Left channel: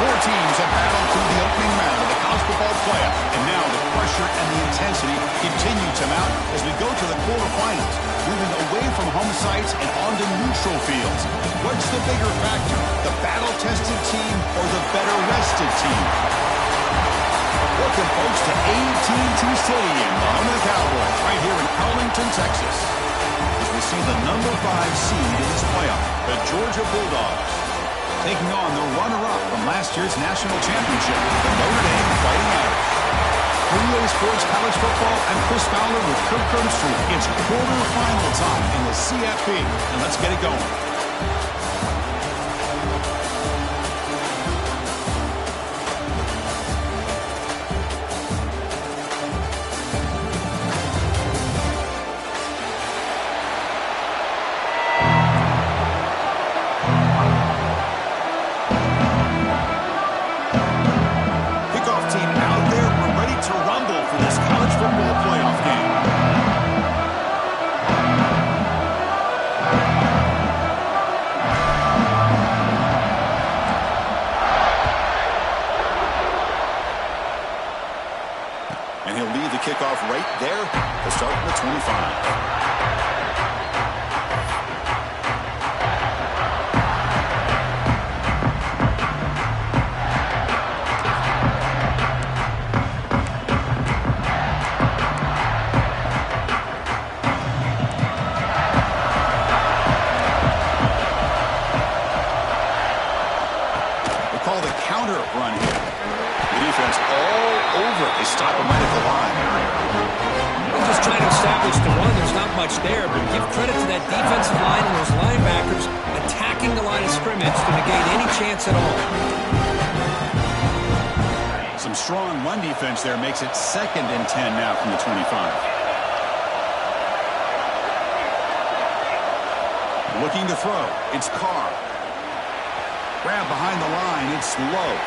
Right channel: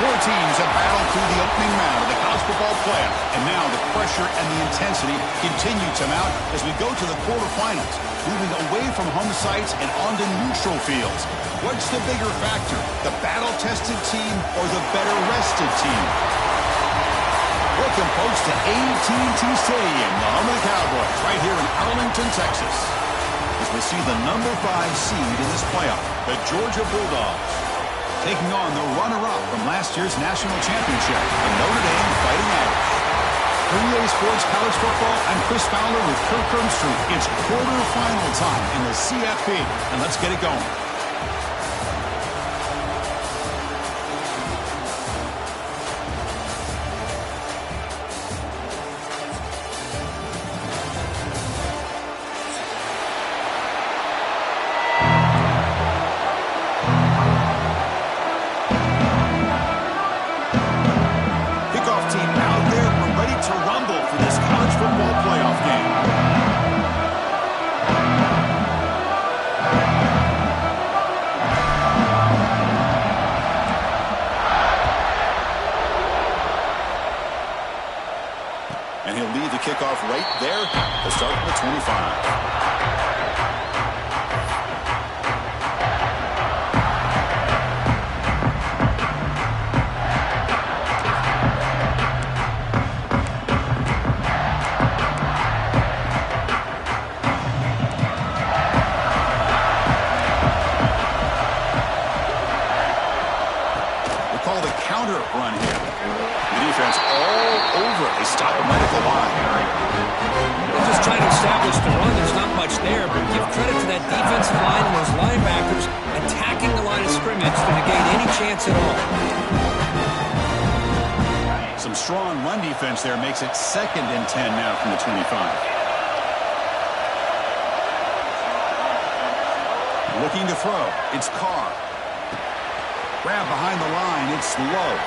Four teams have battled through the opening round of the college football playoff, and now the pressure and the intensity continue to mount as we go to the quarterfinals, moving away from home sites and onto neutral fields. What's the bigger factor, the battle-tested team or the better-rested team? Welcome, folks, to AT&T Stadium, the home of the Cowboys, right here in Arlington, Texas, as we see the number 5 seed in this playoff, the Georgia Bulldogs, taking on the runner-up from last year's national championship, the Notre Dame Fighting Irish. For EA Sports College Football, I'm Chris Fowler with Kirk Crumbstreet. It's quarterfinal time in the CFP, and let's get it going. And he'll lead the kickoff right there to start the 25. We call the counter run here. The defense all over it. They stop him right at the line. They're just trying to establish the run. There's not much there, but give credit to that defensive line and those linebackers attacking the line of scrimmage to negate any chance at all. Some strong run defense there makes it 2nd and 10 now from the 25. Looking to throw. It's Carr. Grab behind the line. It's Love.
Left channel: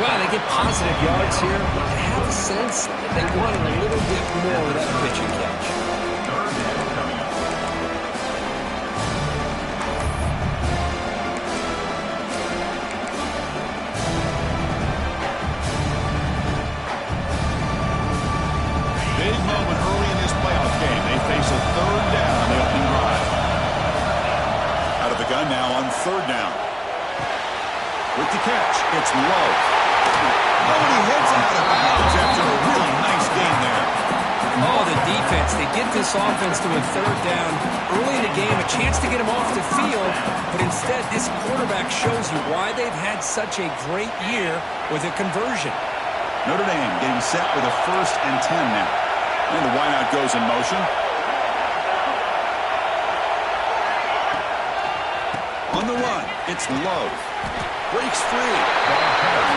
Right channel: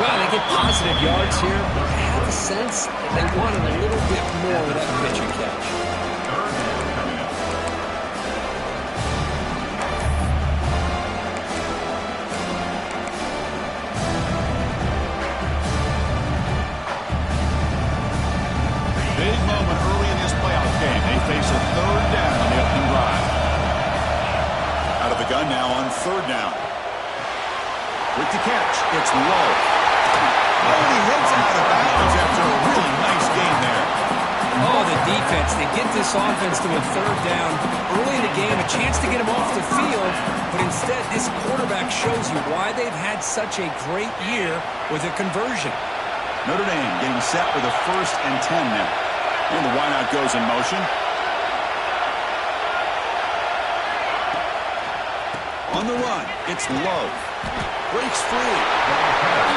Well, they get positive yards here, but I have a sense that they wanted a little bit more with that pitch and catch. Third down coming up. Big moment early in this playoff game. They face a 3rd down on the opening drive. Out of the gun now on 3rd down. With the catch, it's Lowe. Oh, and he heads out of bounds after a really nice game there. Oh, the defense. They get this offense to a 3rd down early in the game, a chance to get him off the field, but instead this quarterback shows you why they've had such a great year with a conversion. Notre Dame getting set with a 1st and 10 now. And the wideout goes in motion. On the run, it's Love. Breaks free.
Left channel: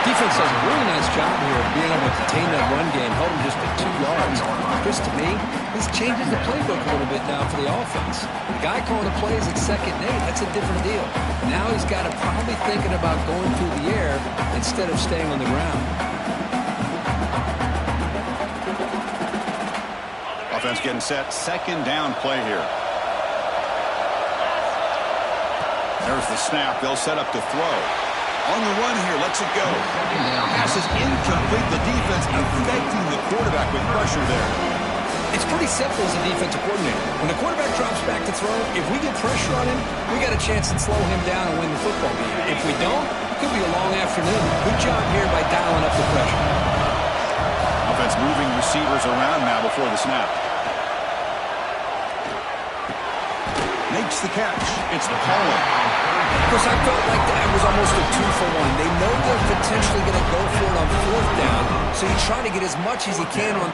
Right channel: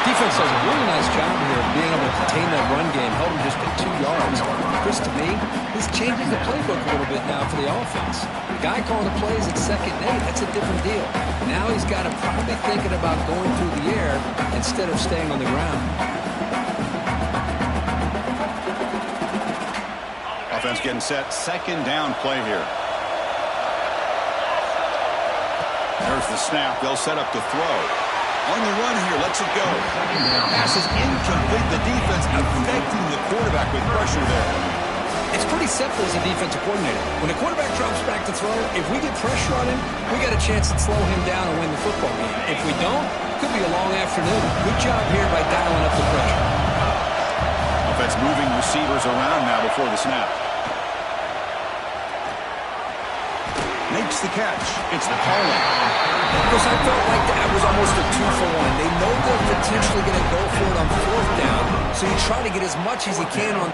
Defense does a really nice job here of being able to contain that run game, held him just at 2 yards. Chris, to me, this changes the playbook a little bit now for the offense. The guy calling the plays at 2nd and 8, that's a different deal. Now he's got to probably thinking about going through the air instead of staying on the ground. Offense getting set. 2nd down play here. There's the snap. They'll set up to throw. On the run here, lets it go. Pass is incomplete. The defense affecting the quarterback with pressure there. It's pretty simple as a defensive coordinator. When the quarterback drops back to throw, if we get pressure on him, we got a chance to slow him down and win the football game. If we don't, it could be a long afternoon. Good job here by dialing up the pressure. Offense moving receivers around now before the snap. Makes the catch. It's Pollard. Because I felt like that was almost a 2-for-1. They know they're potentially going to go for it on 4th down, so you try to get as much as you can on.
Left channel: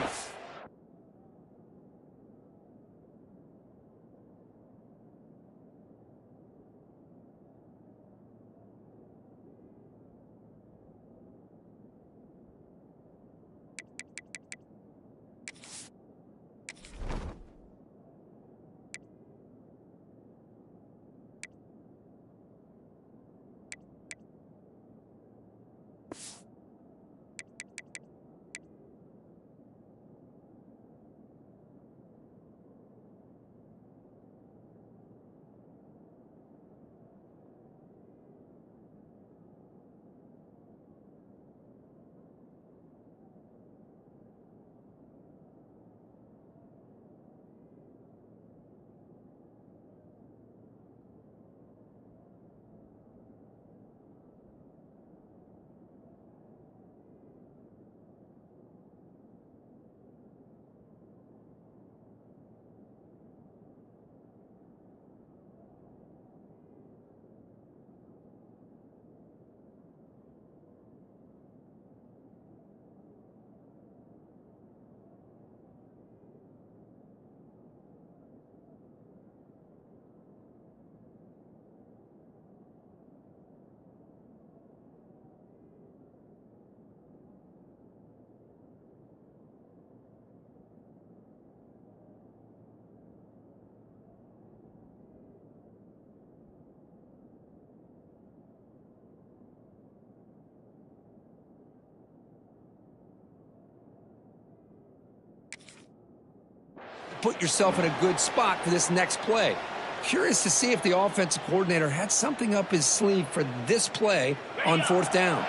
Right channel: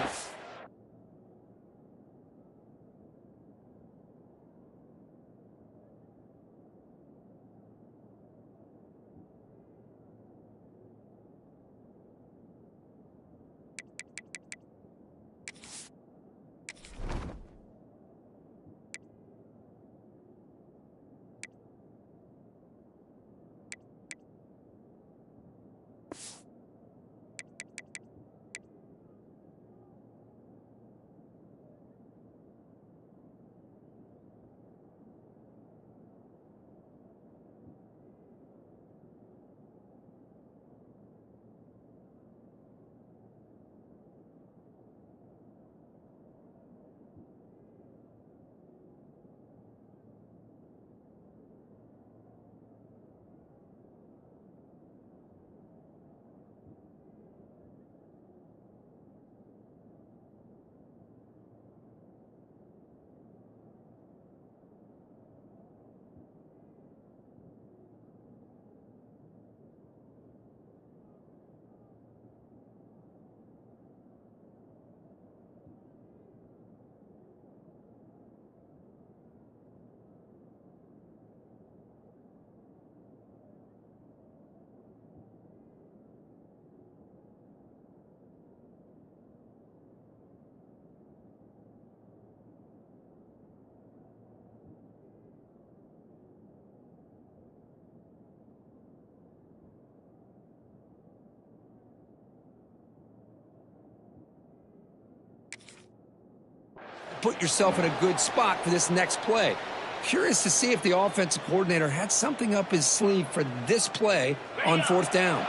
put yourself in a good spot for this next play. Curious to see if the offensive coordinator had something up his sleeve for this play on 4th down.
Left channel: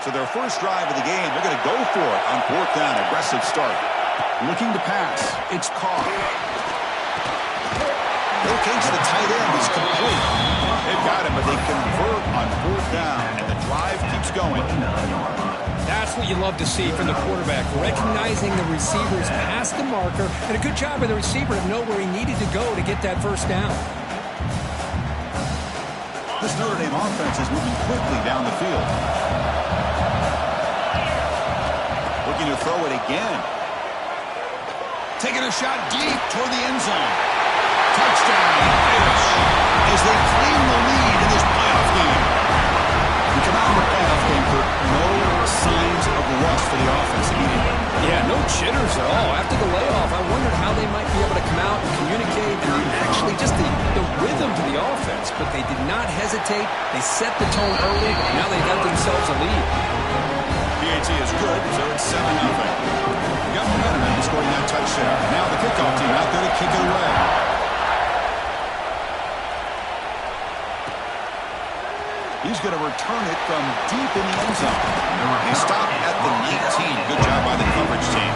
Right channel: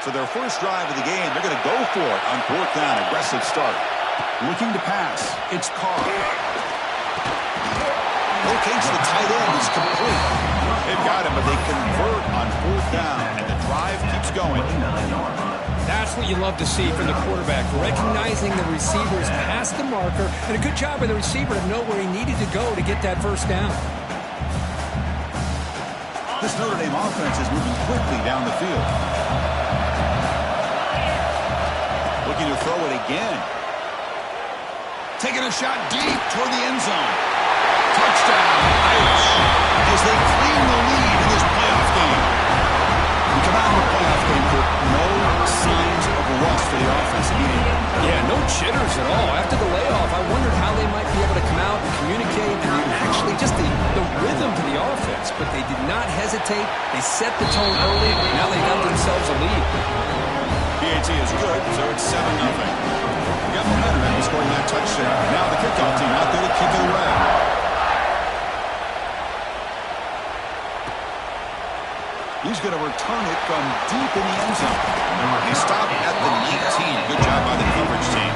So their first drive of the game, they're going to go for it on 4th down. Aggressive start. Looking to pass. It's Carr. Locates the tight end. It's complete. They've got him, but they convert on 4th down, and the drive keeps going. That's what you love to see from the quarterback, recognizing the receivers past the marker, and a good job by the receiver to know where he needed to go to get that first down. This Notre Dame offense is moving quickly down the field. Looking to throw it again. Taking a shot deep toward the end zone. Touchdown, Irish, as they claim the lead in this playoff game. We come out in the playoff game for no signs of rust for the offense immediately. Yeah, no jitters at all. After the layoff, I wondered how they might be able to come out and communicate and actually just the rhythm to the offense. But they did not hesitate. They set the tone early. Now they got themselves a lead. PAT is good, so it's 7-0. We got momentum after scoring that touchdown. Now the kickoff team out there to kick it away. He's going to return it from deep in the end zone. They stop at the 19. Good job by the coverage team.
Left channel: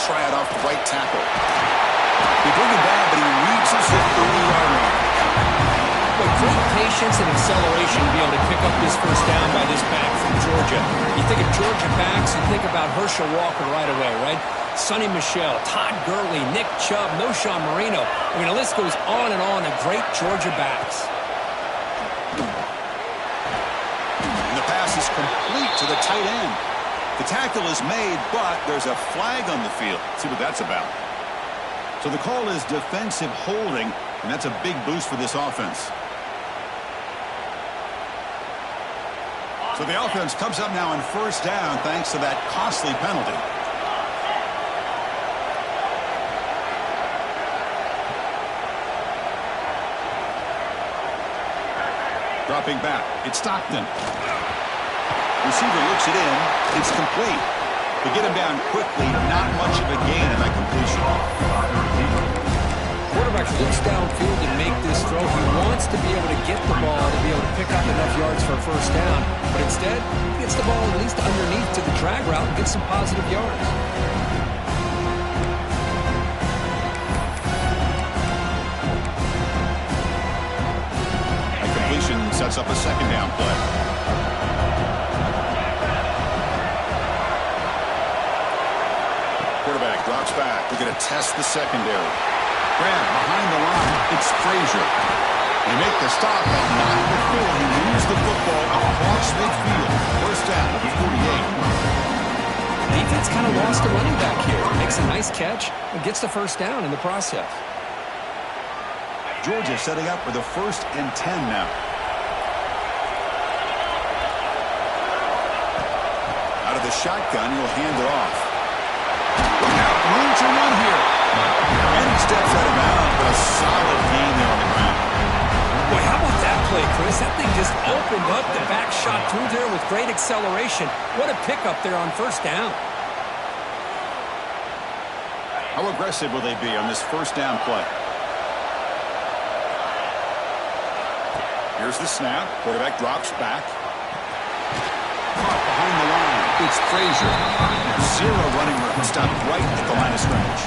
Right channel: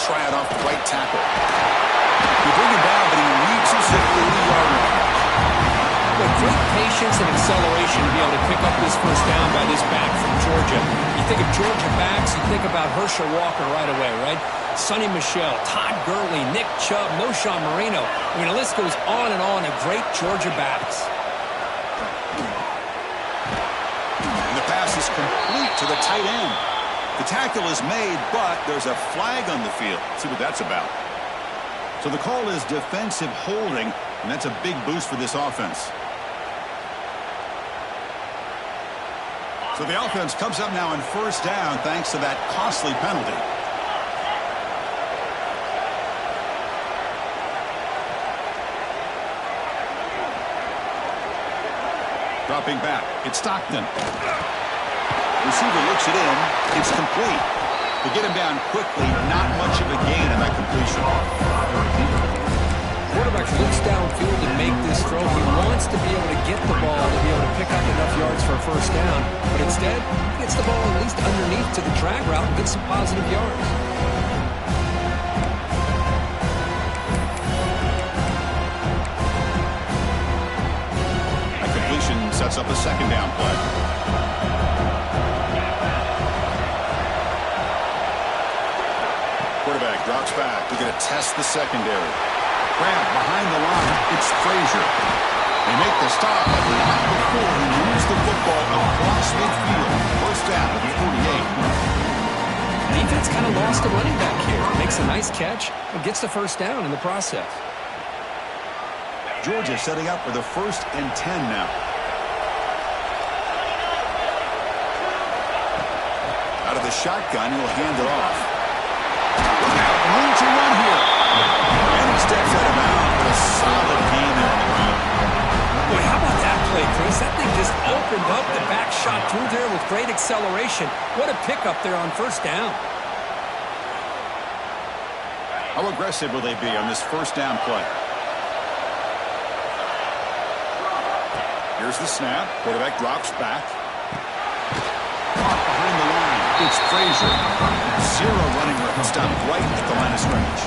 Try it off the right tackle. They bring him down, but he reaches the 30-yard line. But great patience and acceleration to be able to pick up this first down by this back from Georgia. You think of Georgia backs, you think about Herschel Walker right away, right? Sonny Michel, Todd Gurley, Nick Chubb, Noshawn Marino. I mean, the list goes on and on of great Georgia backs. And the pass is complete to the tight end. The tackle is made, but there's a flag on the field. Let's see what that's about. So the call is defensive holding, and that's a big boost for this offense. So the offense comes up now on first down thanks to that costly penalty. Dropping back, it's Stockton. Receiver looks it in. It's complete. They get him down quickly. Not much of a gain in that completion. Quarterback looks downfield to make this throw. He wants to be able to get the ball to be able to pick up enough yards for a first down. But instead, he gets the ball at least underneath to the drag route and gets some positive yards. That completion sets up a second down play. Quarterback drops back. They're going to test the secondary. Grab behind the line. It's Frazier. They make the stop, but not before he moves the football across midfield. First down at the 48. Defense kind of lost a running back here. Makes a nice catch and gets the first down in the process. Georgia setting up for the 1st and 10 now. Out of the shotgun, he'll hand it off. Look out, room to run here. And he steps out of bounds, but a solid gain there on the ground. Boy, how about that play, Chris? That thing just opened up. The back shot through there with great acceleration. What a pickup there on first down. How aggressive will they be on this first down play? Here's the snap. Quarterback drops back. Caught behind the line. It's Frazier. Zero running room. Stopped right at the line of scrimmage.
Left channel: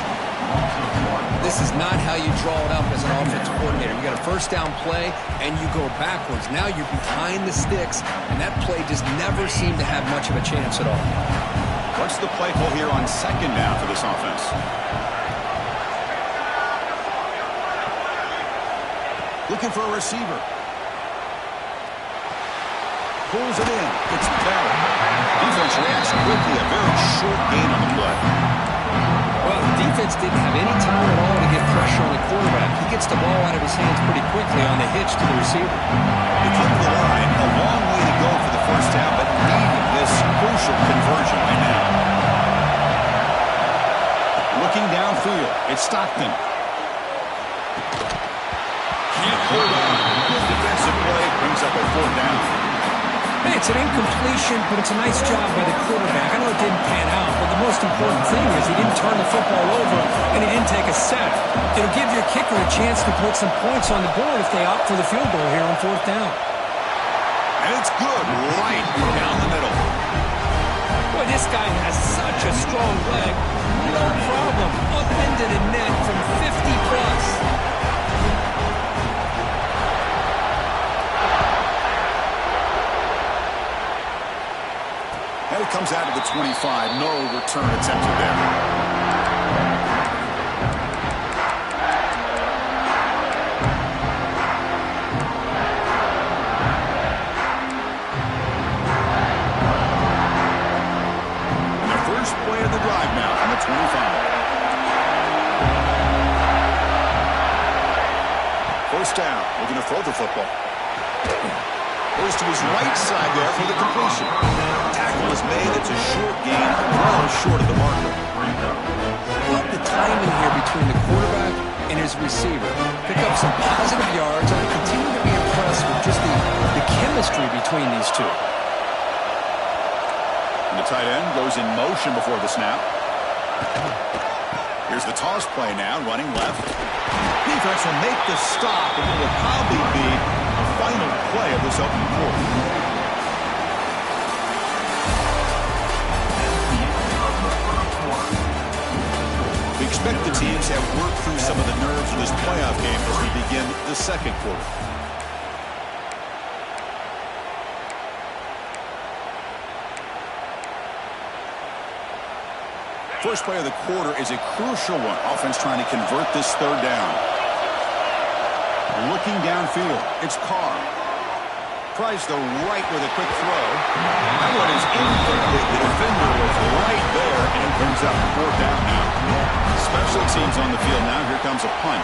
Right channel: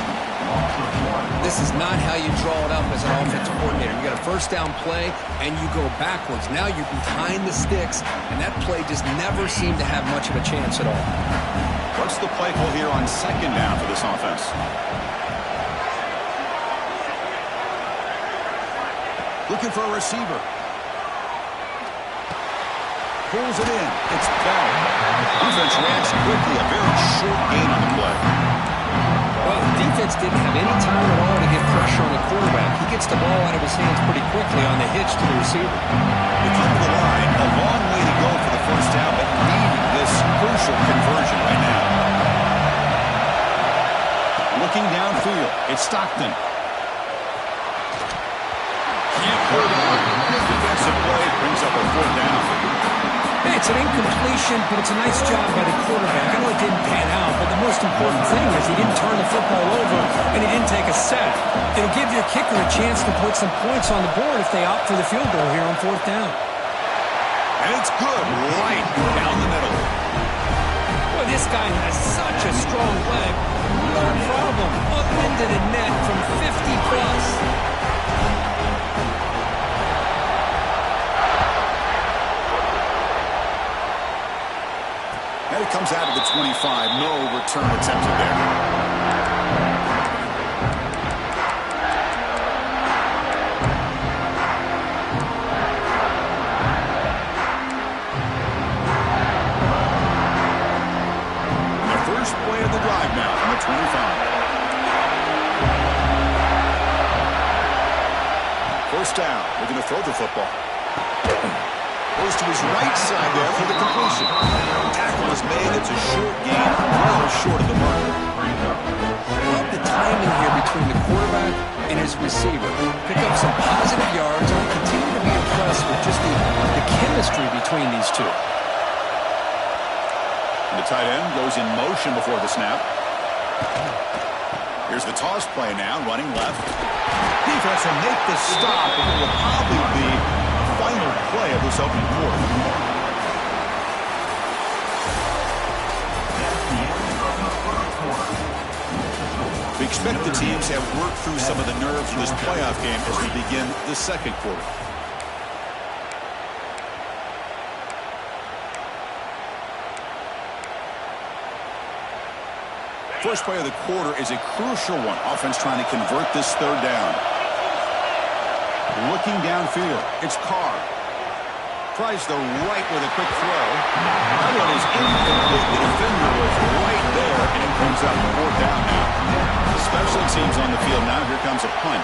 This is not how you draw it up as an offensive coordinator. You got a first down play, and you go backwards. Now you're behind the sticks, and that play just never seemed to have much of a chance at all. What's the play call here on second down for this offense? Looking for a receiver. Pulls it in. It's Bell. Defense reacts quickly. A very short gain on the play. Well, Well, the defense didn't have any time at all to get pressure on the quarterback. He gets the ball out of his hands pretty quickly on the hitch to the receiver. They come to the line. A long way to go for the first down, but needing this crucial conversion right now. Looking downfield, it's Stockton. Can't hold on. Good defensive play brings up a fourth down. Hey, it's an incompletion, but it's a nice job by the quarterback. I know it didn't pan out, but the most important thing is he didn't turn the football over and he didn't take a sack. It'll give your kicker a chance to put some points on the board if they opt for the field goal here on fourth down. And it's good right down the middle. Boy, this guy has such a strong leg. No problem. Up into the net from 50+. And it comes out of the 25. No return attempted there. And the first play of the drive now from the 25. First down. Looking to throw the football. Goes to his right side there for the completion. Tackle is made. It's a short gain, well short of the marker. Love the timing here between the quarterback and his receiver. Pick up some positive yards, and I continue to be impressed with just the chemistry between these two. And the tight end goes in motion before the snap. Here's the toss play now, running left. Defense will make the stop, and it will probably be the final play of this opening quarter. We expect the teams have worked through some of the nerves of this playoff game as we begin the second quarter. First play of the quarter is a crucial one. Offense trying to convert this third down. Looking downfield, it's Carr. Tries the right with a quick throw. That one is incomplete. The defender was right there, and it brings up fourth down now. Special teams on the field now. Here comes a punt.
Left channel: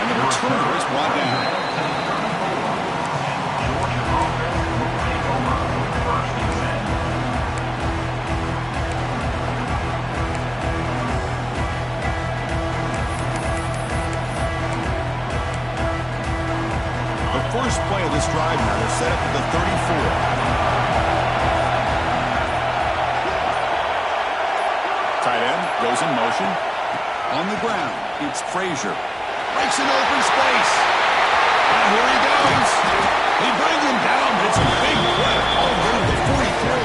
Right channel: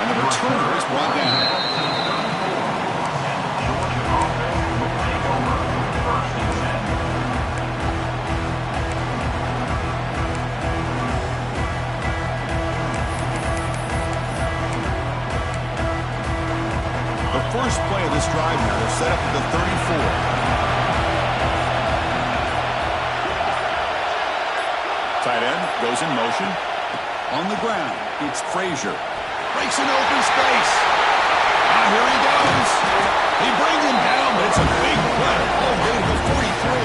And the returner is brought down. First play of this drive now. They're set up at the 34. Tight end goes in motion. On the ground, it's Frazier. Breaks an open space. Here he goes. He brings him down, but it's a big play. All the way to the 43.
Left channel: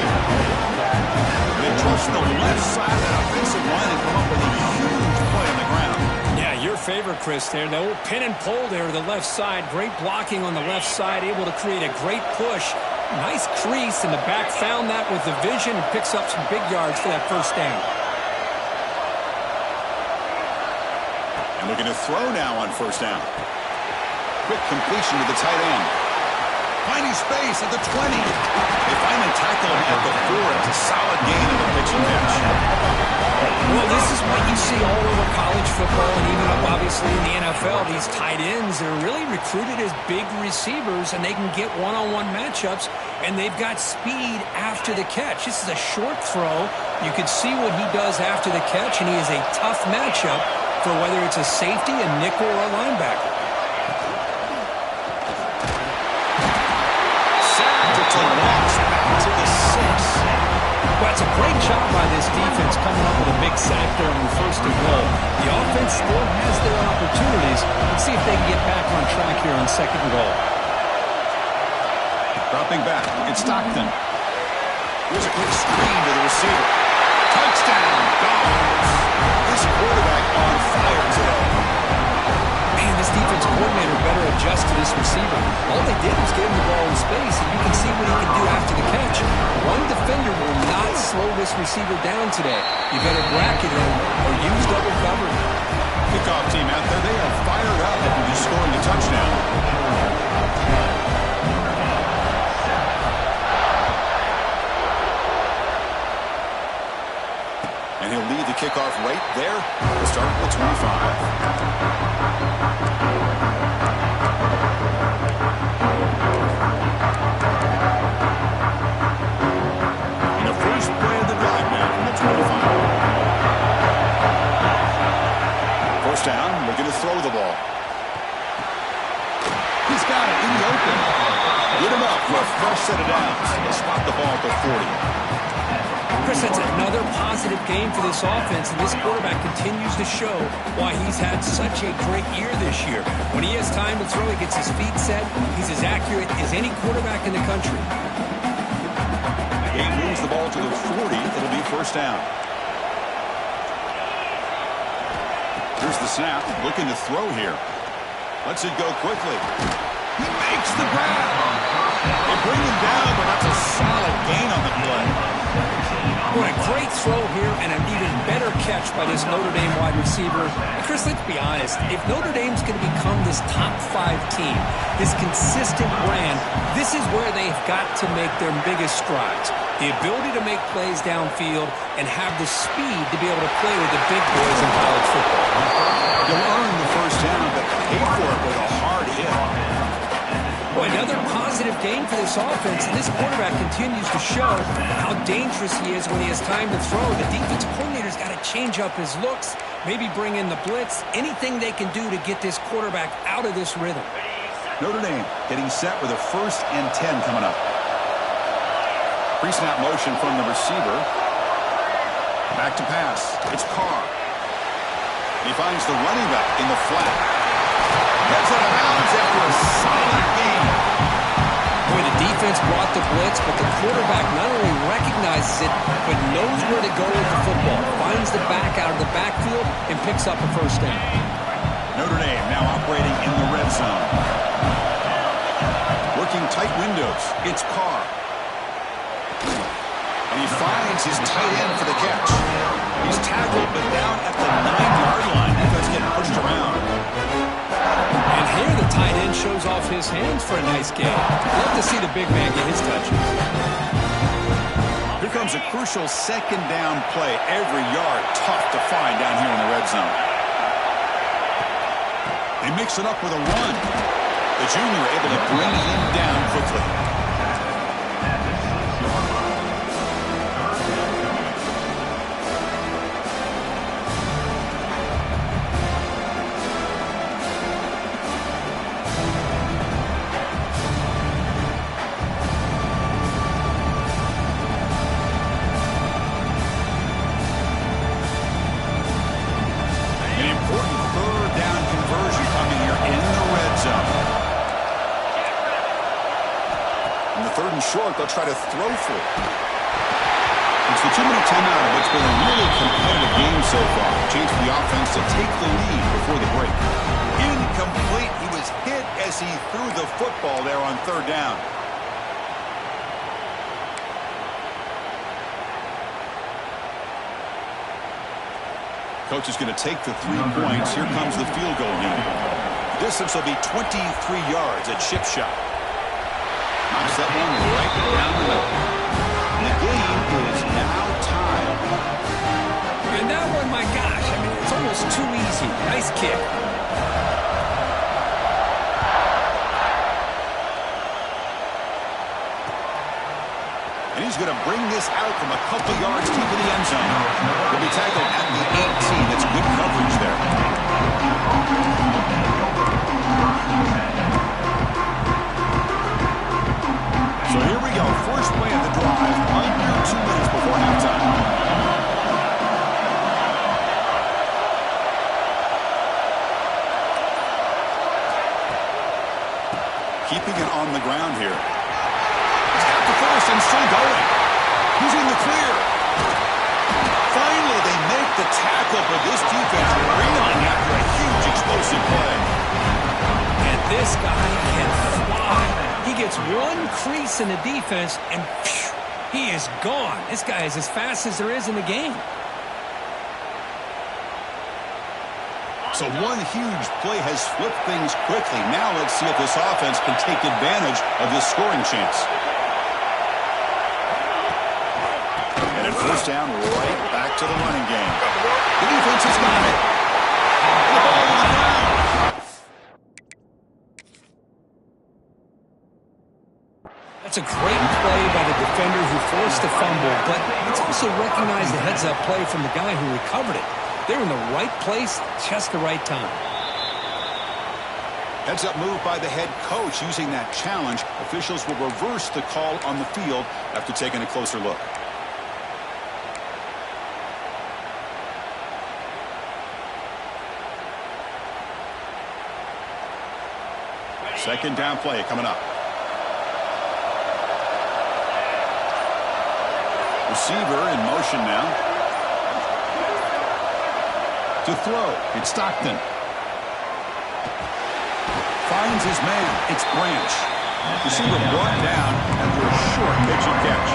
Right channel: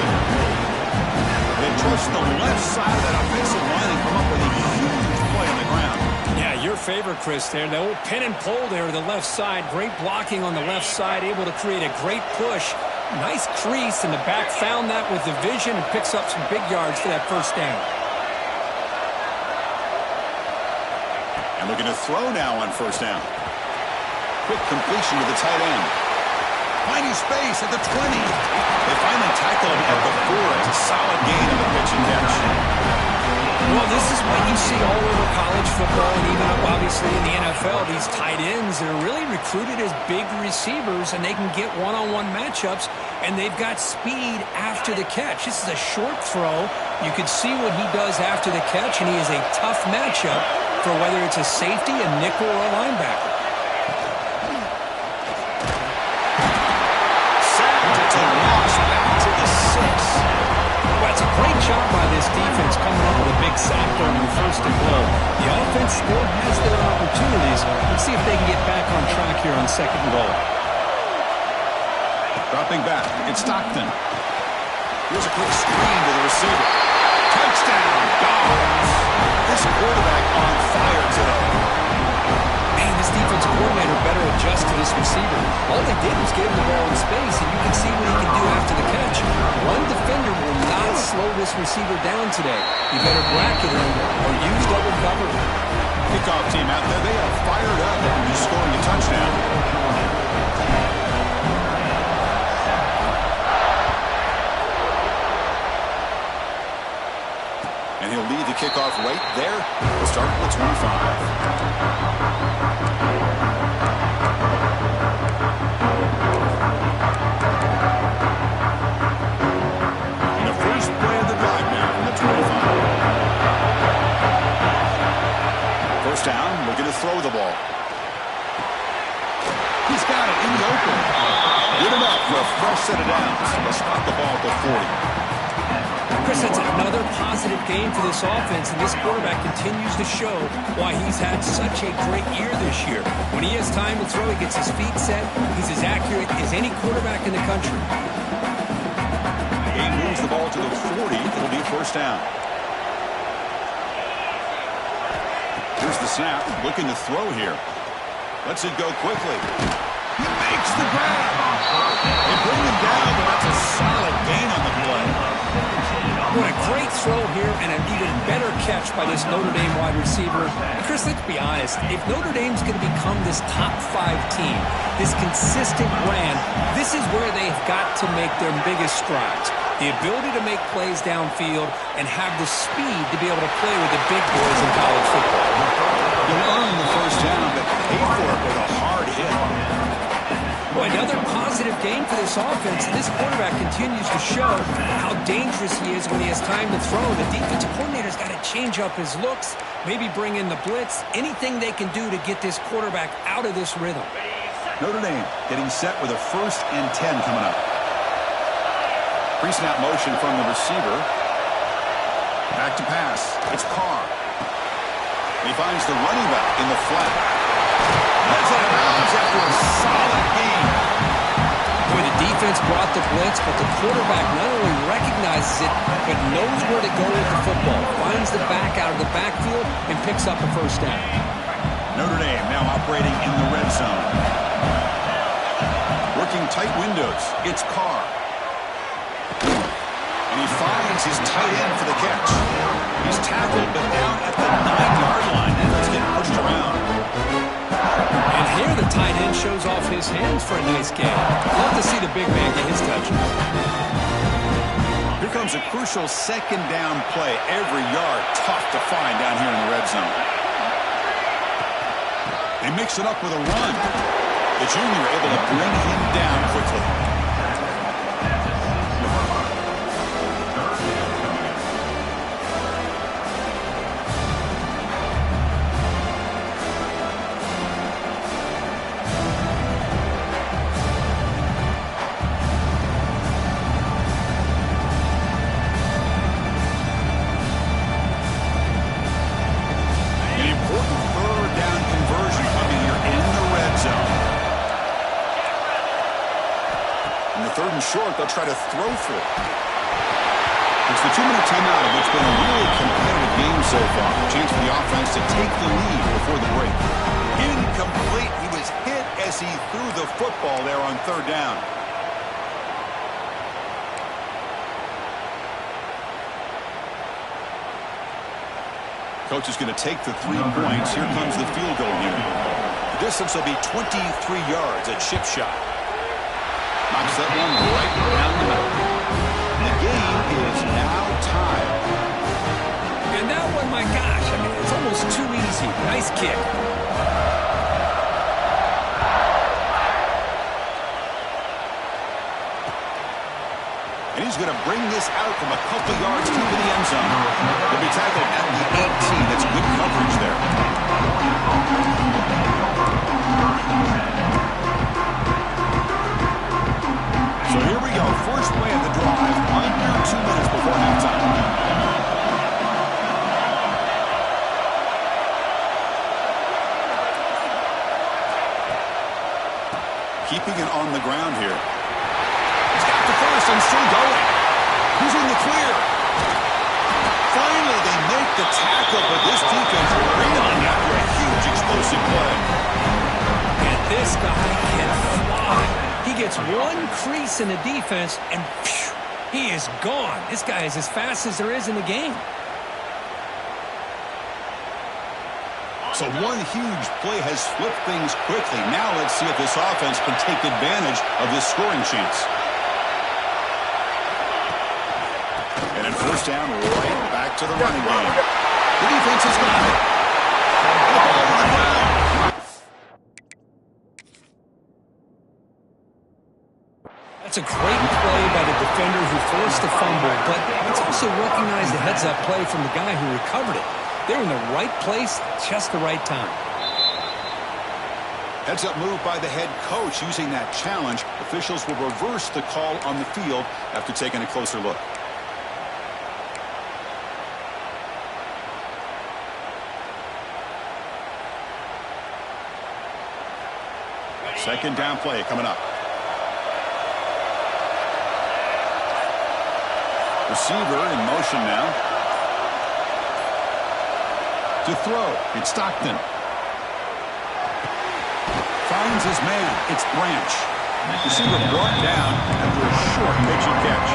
They trust the left side of that offensive line and come up with a huge play on the ground. Yeah, your favorite, Chris, there. The old pin and pull there to the left side. Great blocking on the left side, able to create a great push. Nice crease, and the back found that with the vision and picks up some big yards for that first down. And looking to throw now on first down. Quick completion to the tight end. Finding space at the 20. They finally tackle him at the 4. It's a solid gain of the pitch and catch. Well, this is what you see all over college football and even up, obviously, in the NFL. These tight ends, they're really recruited as big receivers, and they can get one-on-one matchups, and they've got speed after the catch. This is a short throw. You can see what he does after the catch, and he is a tough matchup for whether it's a safety, a nickel, or a linebacker. Sacked. It's a loss back to the 6. Well, it's a great job by this defense coming up with a big sack there on first and goal. The offense still has their opportunities. Let's see if they can get back on track here on second and goal. Dropping back, it's Stockton. Here's a quick screen to the receiver. Touchdown, Dogs. This quarterback on fire today. Man, this defense coordinator better adjust to this receiver. All they did was get him the ball in space, and you can see what he can do after the catch. One defender will not slow this receiver down today. You better bracket him or use double cover. Kickoff team out there, they are fired up after just scoring a touchdown. And he'll lead the kickoff right there. We'll start at the 25. And the first play of the drive now from the 25. First down, looking to throw the ball. He's got it in the open. Good enough for a fresh set of downs. He'll spot the ball at the 40. Chris, that's another positive game for this offense, and this quarterback continues to show why he's had such a great year this year. When he has time to throw, he gets his feet set. He's as accurate as any quarterback in the country. He moves the ball to the 40. It'll be first down. Here's the snap. Looking to throw here. Lets it go quickly. He makes the grab. They bring him down, but that's a solid gain on the play. What a great throw here and an even better catch by this Notre Dame wide receiver. And Chris, let's be honest. If Notre Dame's going to become this top 5 team, this consistent brand, this is where they've got to make their biggest strides. The ability to make plays downfield and have the speed to be able to play with the big boys in college football. You'll earn the first down, but pay for it with a hard hit. Boy, another positive game for this offense, and this quarterback continues to show how dangerous he is when he has time to throw. The defensive coordinator's got to change up his looks, maybe bring in the blitz, anything they can do to get this quarterback out of this rhythm. Notre Dame getting set with a 1st and 10 coming up. Pre-snap motion from the receiver. Back to pass. It's Carr. And he finds the running back in the flat. Heads out of bounds after a solid game. Boy, the defense brought the blitz, but the quarterback not only recognizes it, but knows where to go with the football. Finds the back out of the backfield and picks up a first down. Notre Dame now operating in the red zone. Working tight windows. It's Carr. And he finds his tight end for the catch. He's tackled, but down at the 9-yard line. That's getting pushed around. And here the tight end shows off his hands for a nice game. Love to see the big man get his touches. Here comes a crucial second down play. Every yard tough to find down here in the red zone. They mix it up with a run. The junior able to bring him down quickly. Short, they'll try to throw for it. It's the 2-minute timeout of what's been a really competitive game so far. Chance for the offense to take the lead before the break. Incomplete. He was hit as he threw the football there on 3rd down. Coach is going to take the 3 points. Here comes the field goal unit. The distance will be 23 yards at chip shot. Knocks that one right down the middle. And the game is now tied. And that one, my gosh, I mean, it's almost too easy. Nice kick. And he's going to bring this out from a couple yards deep in the end zone. He'll be tackled at the 18. That's good coverage there. So here we go. First play of the drive. Under 2 minutes before halftime. Keeping it on the ground here. He's got the first and still going. He's in the clear. Finally, they make the tackle, but this defense reeling after a huge explosive play. And this guy can fly. He gets one crease in the defense, and phew, he is gone. This guy is as fast as there is in the game. So one huge play has flipped things quickly. Now let's see if this offense can take advantage of this scoring chance. And at first down, right back to the running game. The defense has got it. And the ball on the ground. That's a great play by the defender who forced the fumble, but it's also recognized the heads-up play from the guy who recovered it. They're in the right place, just the right time. Heads-up move by the head coach using that challenge. Officials will reverse the call on the field after taking a closer look. Second down play coming up. Receiver in motion now. To throw, it's Stockton. Finds his man, it's Branch. Receiver brought down after a short pitch and catch.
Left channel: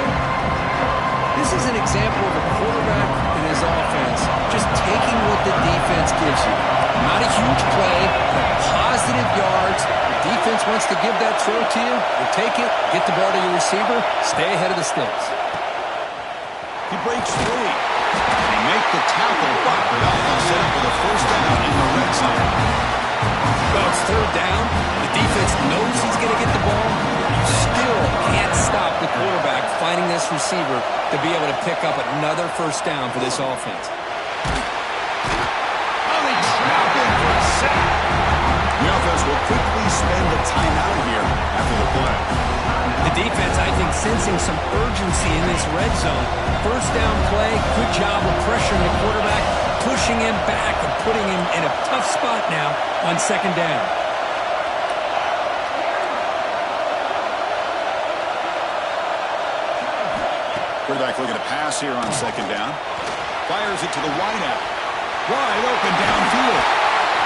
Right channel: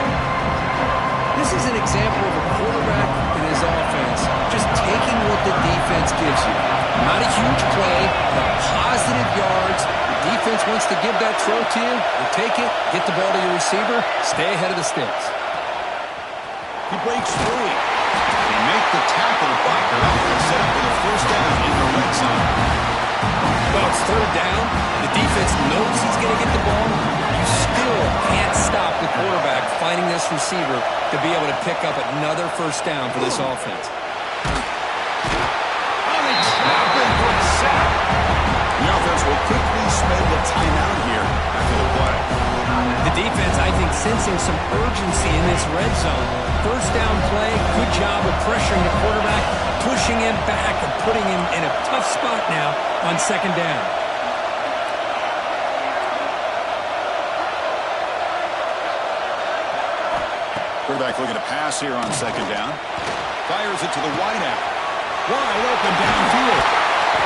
This is an example of a quarterback and his offense just taking what the defense gives you. Not a huge play, but positive yards. The defense wants to give that throw to you. You take it, get the ball to your receiver, stay ahead of the sticks. He breaks free. They make the tackle, but they're off and set up with a first down in the red zone. Well, it's third down. The defense knows he's going to get the ball. You still can't stop the quarterback finding this receiver to be able to pick up another first down for this offense. Oh, they trap him for a sack. The offense will quickly spend a timeout here after the play. The defense, I think, sensing some urgency in this red zone. First down play, good job of pressuring the quarterback, pushing him back and putting him in a tough spot now on second down. Quarterback looking to pass here on second down. Fires it to the wideout. Wide open downfield.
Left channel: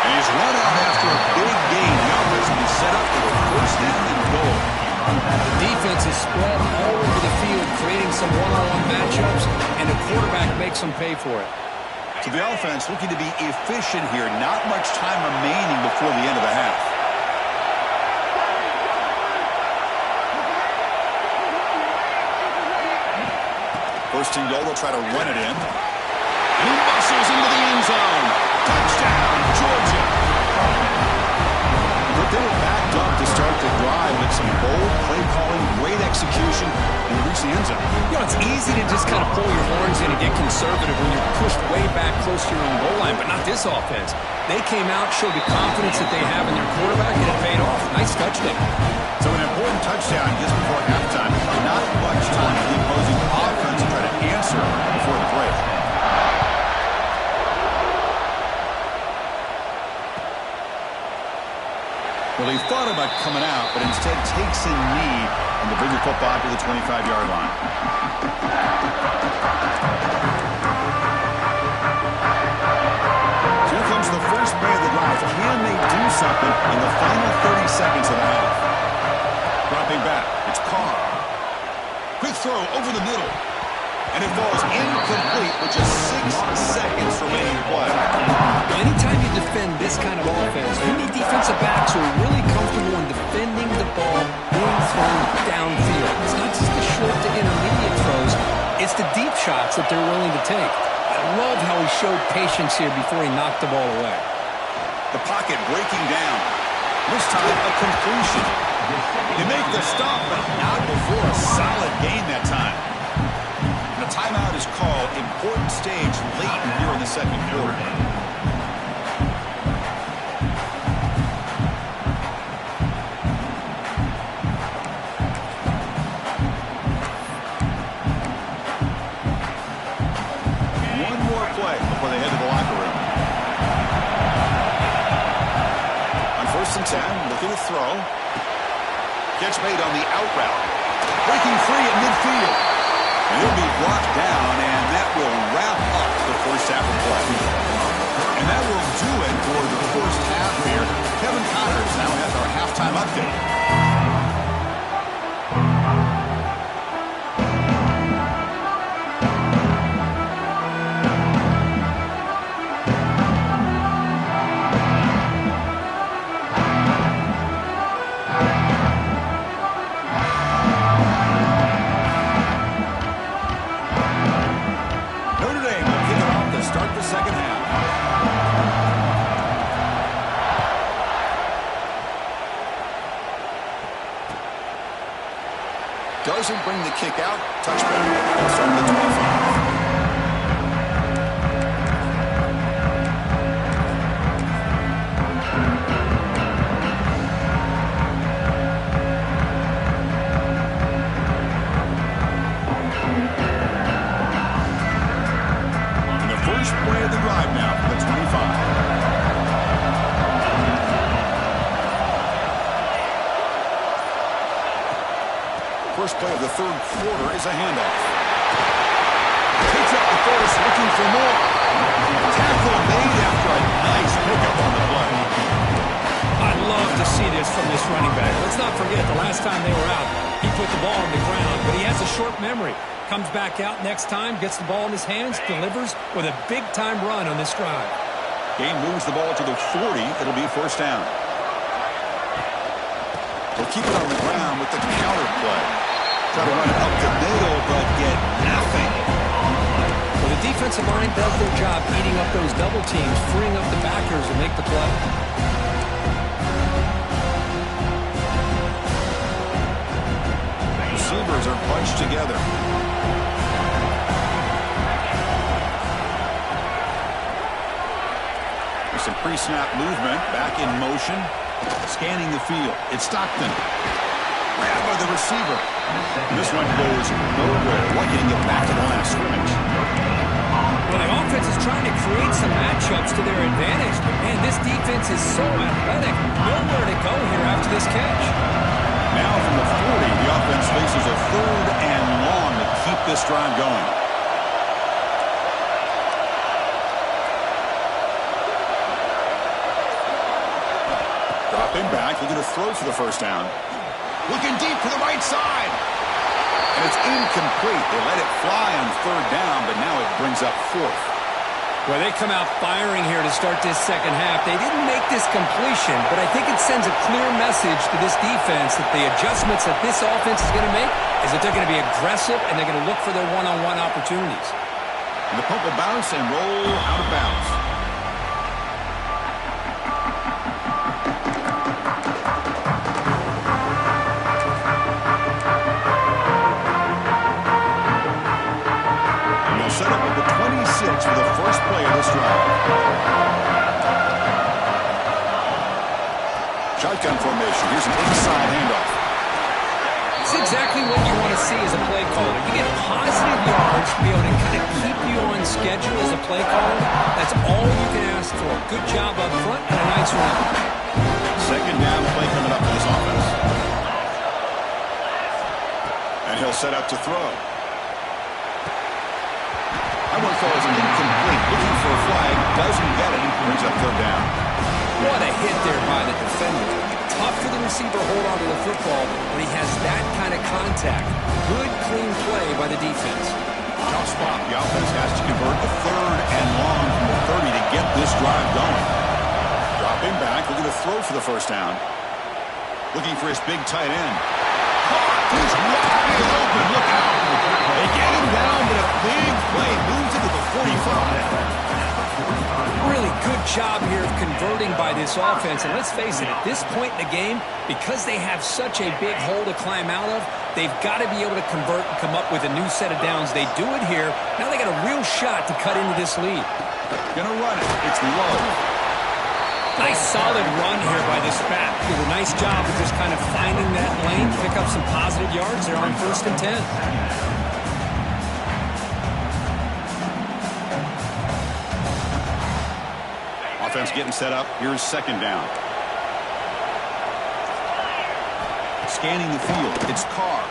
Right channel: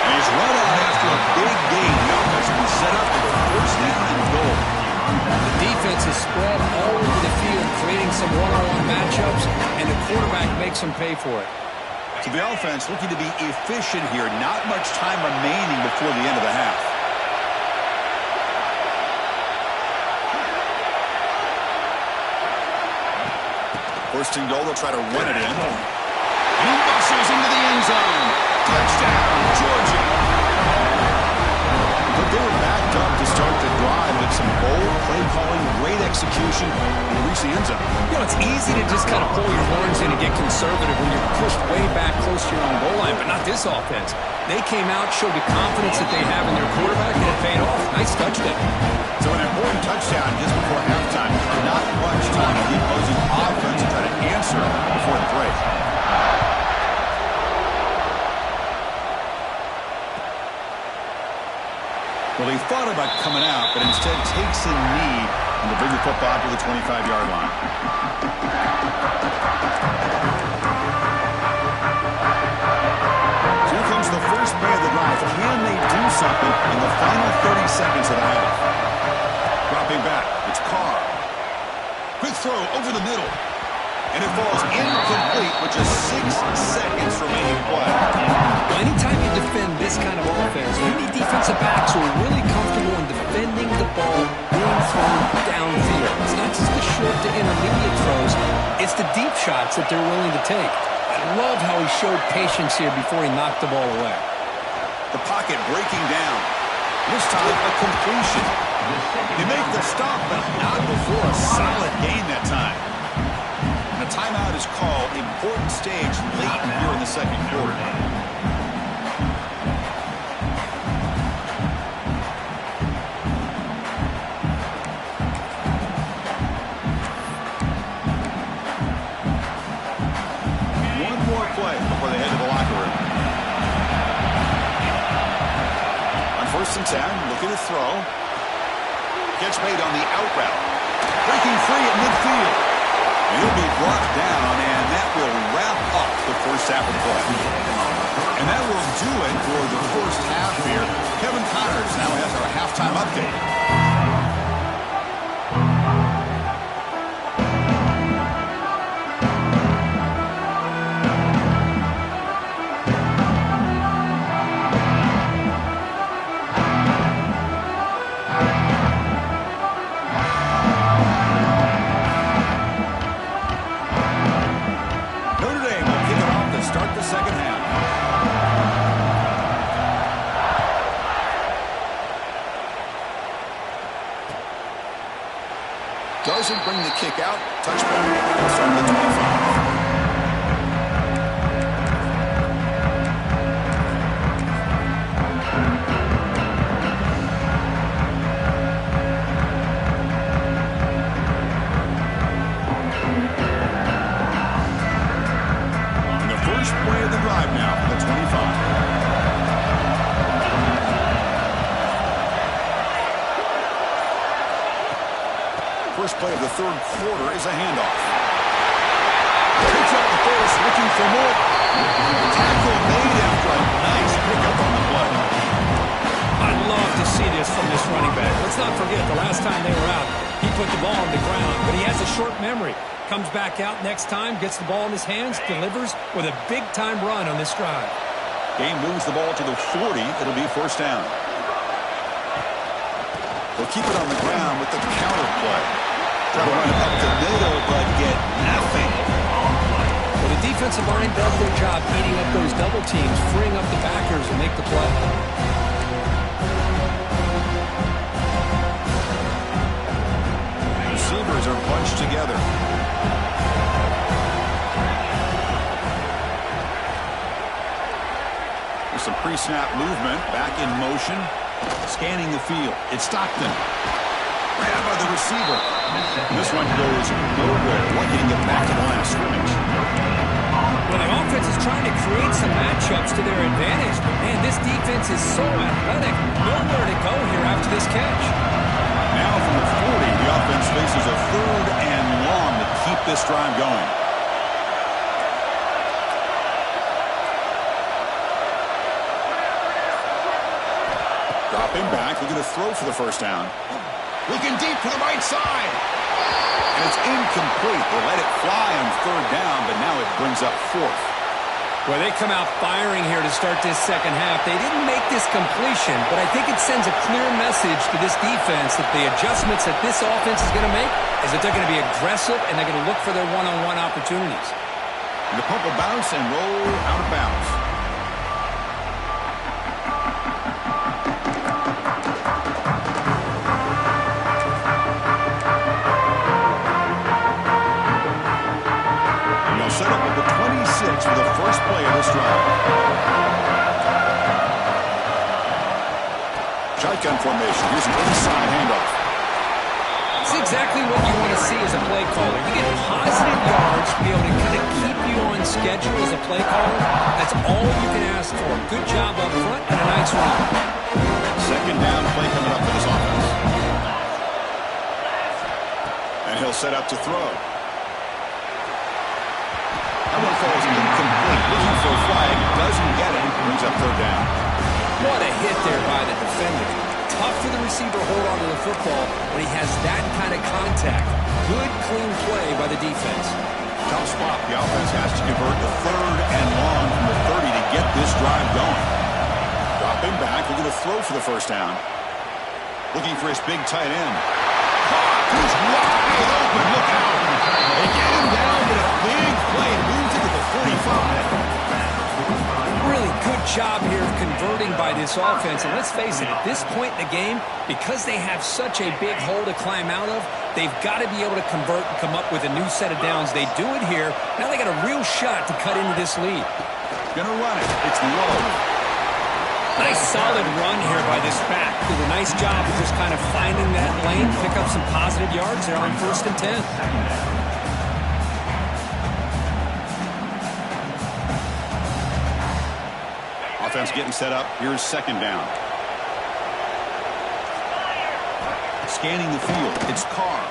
And he's run out after a big gain. The offense will be set up with a first down and goal. The defense is spread all over the field, creating some one-on-one matchups, and the quarterback makes them pay for it. So the offense looking to be efficient here. Not much time remaining before the end of the half. First and goal, they'll try to run it in. And he muscles into the end zone. Touchdown, Georgia. Look, they were backed up to start the drive with some bold play calling, great execution, and they reached the end zone. You know, it's easy to just kind of pull your horns in and get conservative when you're pushed way back close to your own goal line, but not this offense. They came out, showed the confidence that they have in their quarterback, and it paid off. Nice touchdown. So an important touchdown just before halftime. Not much time for the opposing offense to try to answer before the break. Well, he thought about coming out, but instead takes a knee and to bring the football to the 25-yard line. So here comes the first play of the drive. Can they do something in the final 30 seconds of the half? Dropping back, it's Carr. Quick throw over the middle. And it falls incomplete with just 6 seconds remaining to play. Anytime you defend this kind of offense, you need defensive backs who are really comfortable in defending the ball being thrown downfield. It's not just the short to intermediate throws, it's the deep shots that they're willing to take. I love how he showed patience here before he knocked the ball away. The pocket breaking down. This time a completion. They make the stop, but not before a solid gain that time. The timeout is called. Important stage late here in the second quarter. One more play before they head to the locker room. On first and 10, looking to throw. Catch made on the out route. Breaking free at midfield. And he'll be brought down, and that will wrap up the first half of play. And that will do it for the first half here. Kevin Connors now has our halftime update. start the second half. Doesn't bring the kick out. Touchback. It's from the 25. First play of the third quarter is a handoff. Picks up the first, looking for more. Tackle made after a nice pickup on the play. I'd love to see this from this running back. Let's not forget the last time they were out, he put the ball on the ground, but he has a short memory. Comes back out next time, gets the ball in his hands, delivers with a big-time run on this drive. Game moves the ball to the 40. It'll be first down. They'll keep it on the ground with the counter play. Try to run it up the middle, but get nothing. Well, the defensive line does their job eating up those double teams, freeing up the backers to make the play. Receivers are bunched together. With some pre-snap movement, back in motion. Scanning the field. It's Stockton. Grab by the receiver. This one goes nowhere. Lucky to get back to the line of scrimmage. Well, the offense is trying to create some matchups to their advantage, but man, this defense is so athletic. Nowhere to go here after this catch. Now from the 40, the offense faces a third and long to keep this drive going. Dropping back, looking to throw for the first down. Looking deep to the right side. And it's incomplete. They let it fly on third down, but now it brings up fourth. Well, they come out firing here to start this second half. They didn't make this completion, but I think it sends a clear message to this defense that the adjustments that this offense is going to make is that they're going to be aggressive and they're going to look for their one-on-one opportunities. And the pump will bounce and roll out of bounds. Set up with the 26 for the first play of this drive. Shotgun formation. Here's an inside handoff. It's exactly what you want to see as a play caller. You get positive yards to be able to kind of keep you on schedule as a play caller. That's all you can ask for. Good job up front and a nice run. Second down play coming up for this offense. And he'll set up to throw. That one falls incomplete. Looking for a flag. Doesn't get it. Brings up third down. What a hit there by the defender. Tough for the receiver to hold on to the football when he has that kind of contact. Good, clean play by the defense. Tough spot. The offense has to convert the third and long from the 30 to get this drive going. Dropping back. Looking to throw for the first down. Looking for his big tight end. He's wide open. Look out. They get him down, but a big play moves into the 45. Really good job here of converting by this offense. And let's face it, at this point in the game, because they have such a big hole to climb out of, they've got to be able to convert and come up with a new set of downs. They do it here. Now they got a real shot to cut into this lead. Gonna run it. It's low. Nice solid run here by this back. Did a nice job of just kind of finding that lane, pick up some positive yards there on 1st and 10. Offense getting set up. Here's second down. Scanning the field. It's Carr.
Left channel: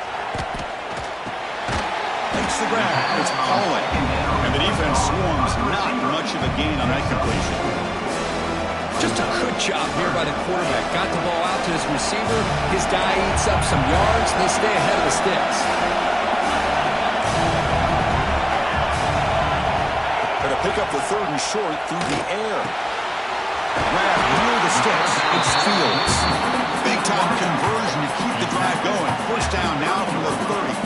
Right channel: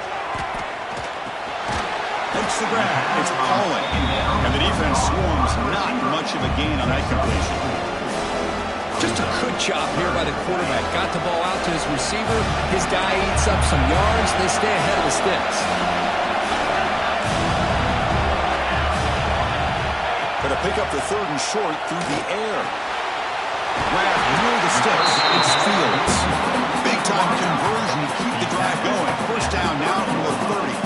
Makes the grab. It's Holland. And the defense swarms. Not much of a gain on that completion. Just a good job here by the quarterback. Got the ball out to his receiver. His guy eats up some yards. They stay ahead of the sticks. Going to pick up the third and short through the air. Grab near the sticks. It's Fields. Big-time conversion to keep the drive going. First down now from the 30.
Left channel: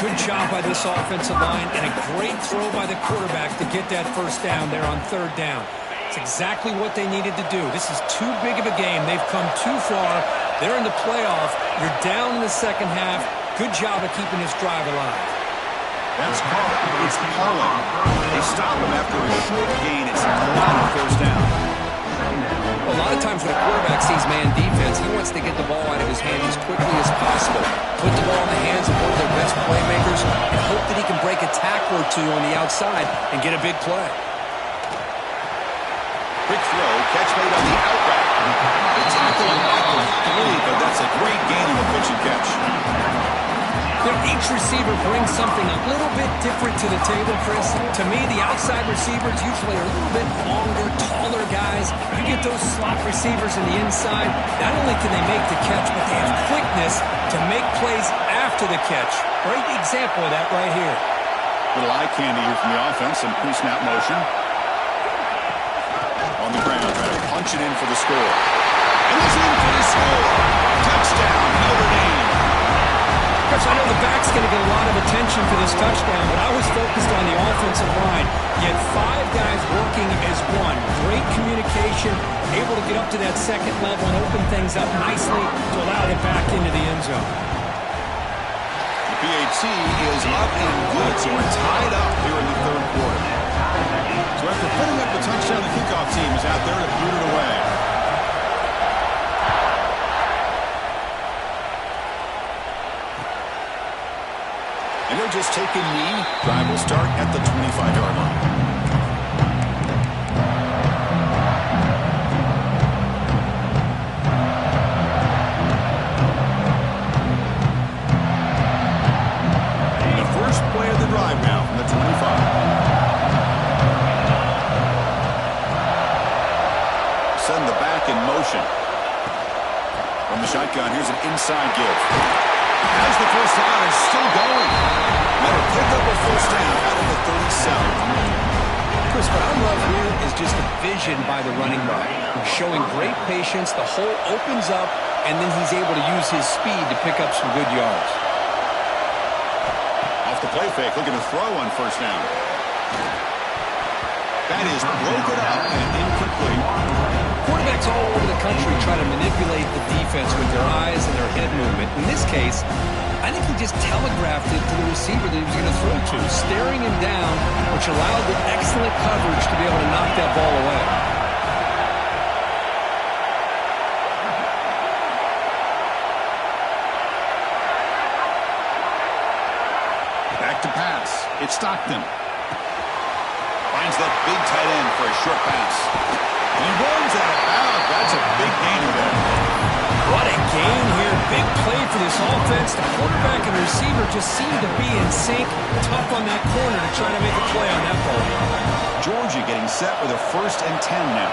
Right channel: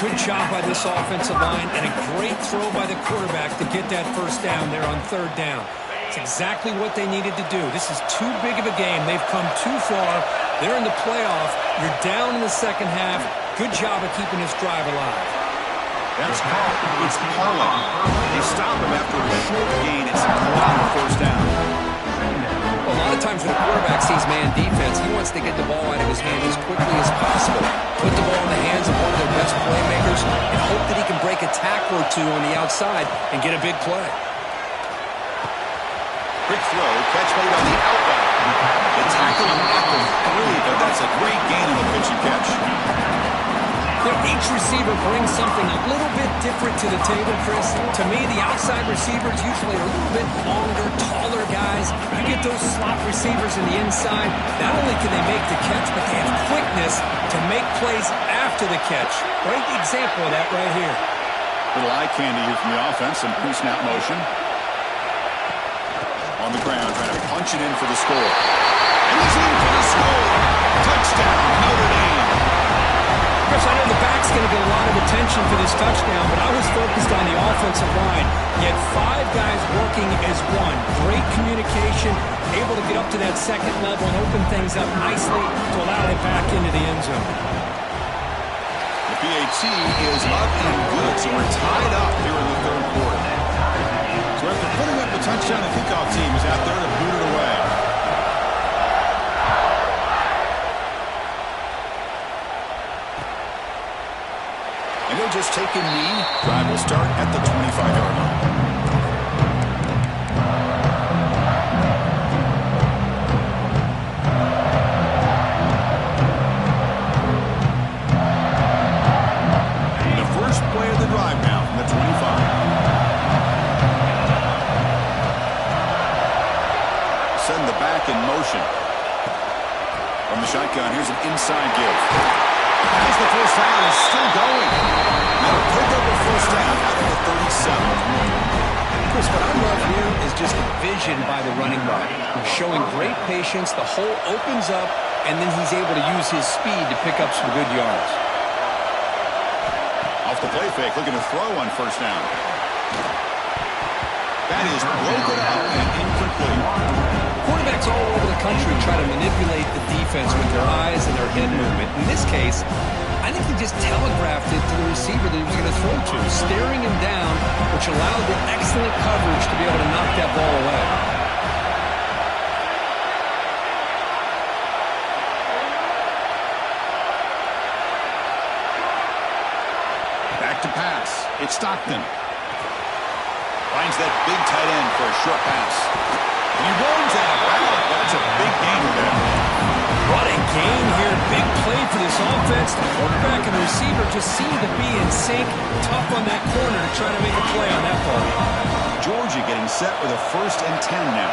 Good job by this offensive line and a great throw by the quarterback to get that first down there on third down. It's exactly what they needed to do. This is too big of a game. They've come too far. They're in the playoff. You're down in the second half. Good job of keeping this drive alive. That's called. It's calling. They stop him after a short gain. It's not a first down. A lot of times when a quarterback sees man defense, he wants to get the ball out of his hands as quickly as possible, put the ball in the hands of one of their best playmakers, and hope that he can break a tackle or two on the outside and get a big play. Quick throw, catch made on the out route. The tackle him at the 3, but that's a great gain in the pitch and catch. Each receiver brings something a little bit different to the table, Chris. To me, the outside receivers usually are a little bit longer, taller guys. You get those slot receivers in the inside, not only can they make the catch, but they have quickness to make plays after the catch. Great example of that right here. Little eye candy here from the offense, some pre-snap motion. On the ground, trying to punch it in for the score. And he's in for the score. Touchdown, Notre Dame. Chris, I know the back's going to get a lot of attention for this touchdown, but I was focused on the offensive line. You had 5 guys working as one. Great communication, able to get up to that second level and open things up nicely to allow it back into the end zone. The PAT is up and good, so we're tied up here in the third quarter. So after putting up the touchdown, the kickoff team is out there to boot it away. And they'll just take a knee. Drive will start at the 25-yard line. And the first play of the drive now from the 25. Send the back in motion. From the shotgun, here's an inside give. As the first down is still going. That'll pick up a first down out of the 37. Chris, what I love here is just the vision by the running back. Showing great patience, the hole opens up, and then he's able to use his speed to pick up some good yards. Off the play fake, looking to throw on first down. That is broken up and incomplete. Quarterbacks all over the country try to manipulate the defense with their eyes and their head movement. In this case, I think he just telegraphed it to the receiver that he was going to throw to, staring him down, which allowed the excellent coverage to be able to knock that ball away. Back to pass. It's Stockton. Finds that big tight end for a short pass. And he runs out of bounds. That's a big gainer there. What a gain here. Big play for this offense. The quarterback and the receiver just seem to be in sync. Tough on that corner to try to make a play on that ball. Georgia getting set with a 1st and 10 now.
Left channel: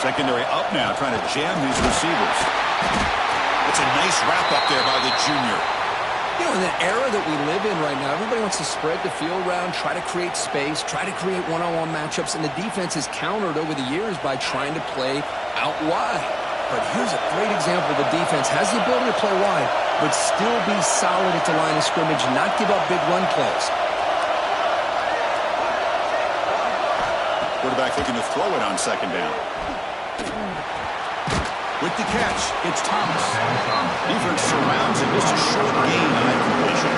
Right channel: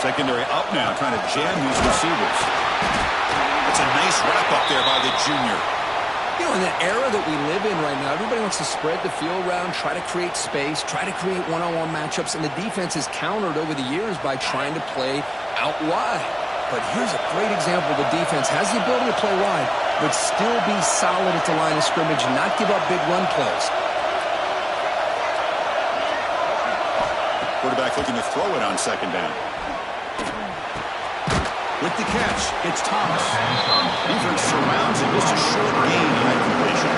Secondary up now, trying to jam these receivers. That's a nice wrap up there by the junior. You know, in the era that we live in right now, everybody wants to spread the field around, try to create space, try to create one-on-one matchups, and the defense is countered over the years by trying to play out wide. But here's a great example. The defense has the ability to play wide, but still be solid at the line of scrimmage, not give up big run plays. Quarterback looking to throw it on second down. With the catch, it's Thomas. Defense surrounds him. Just a short gain on that completion.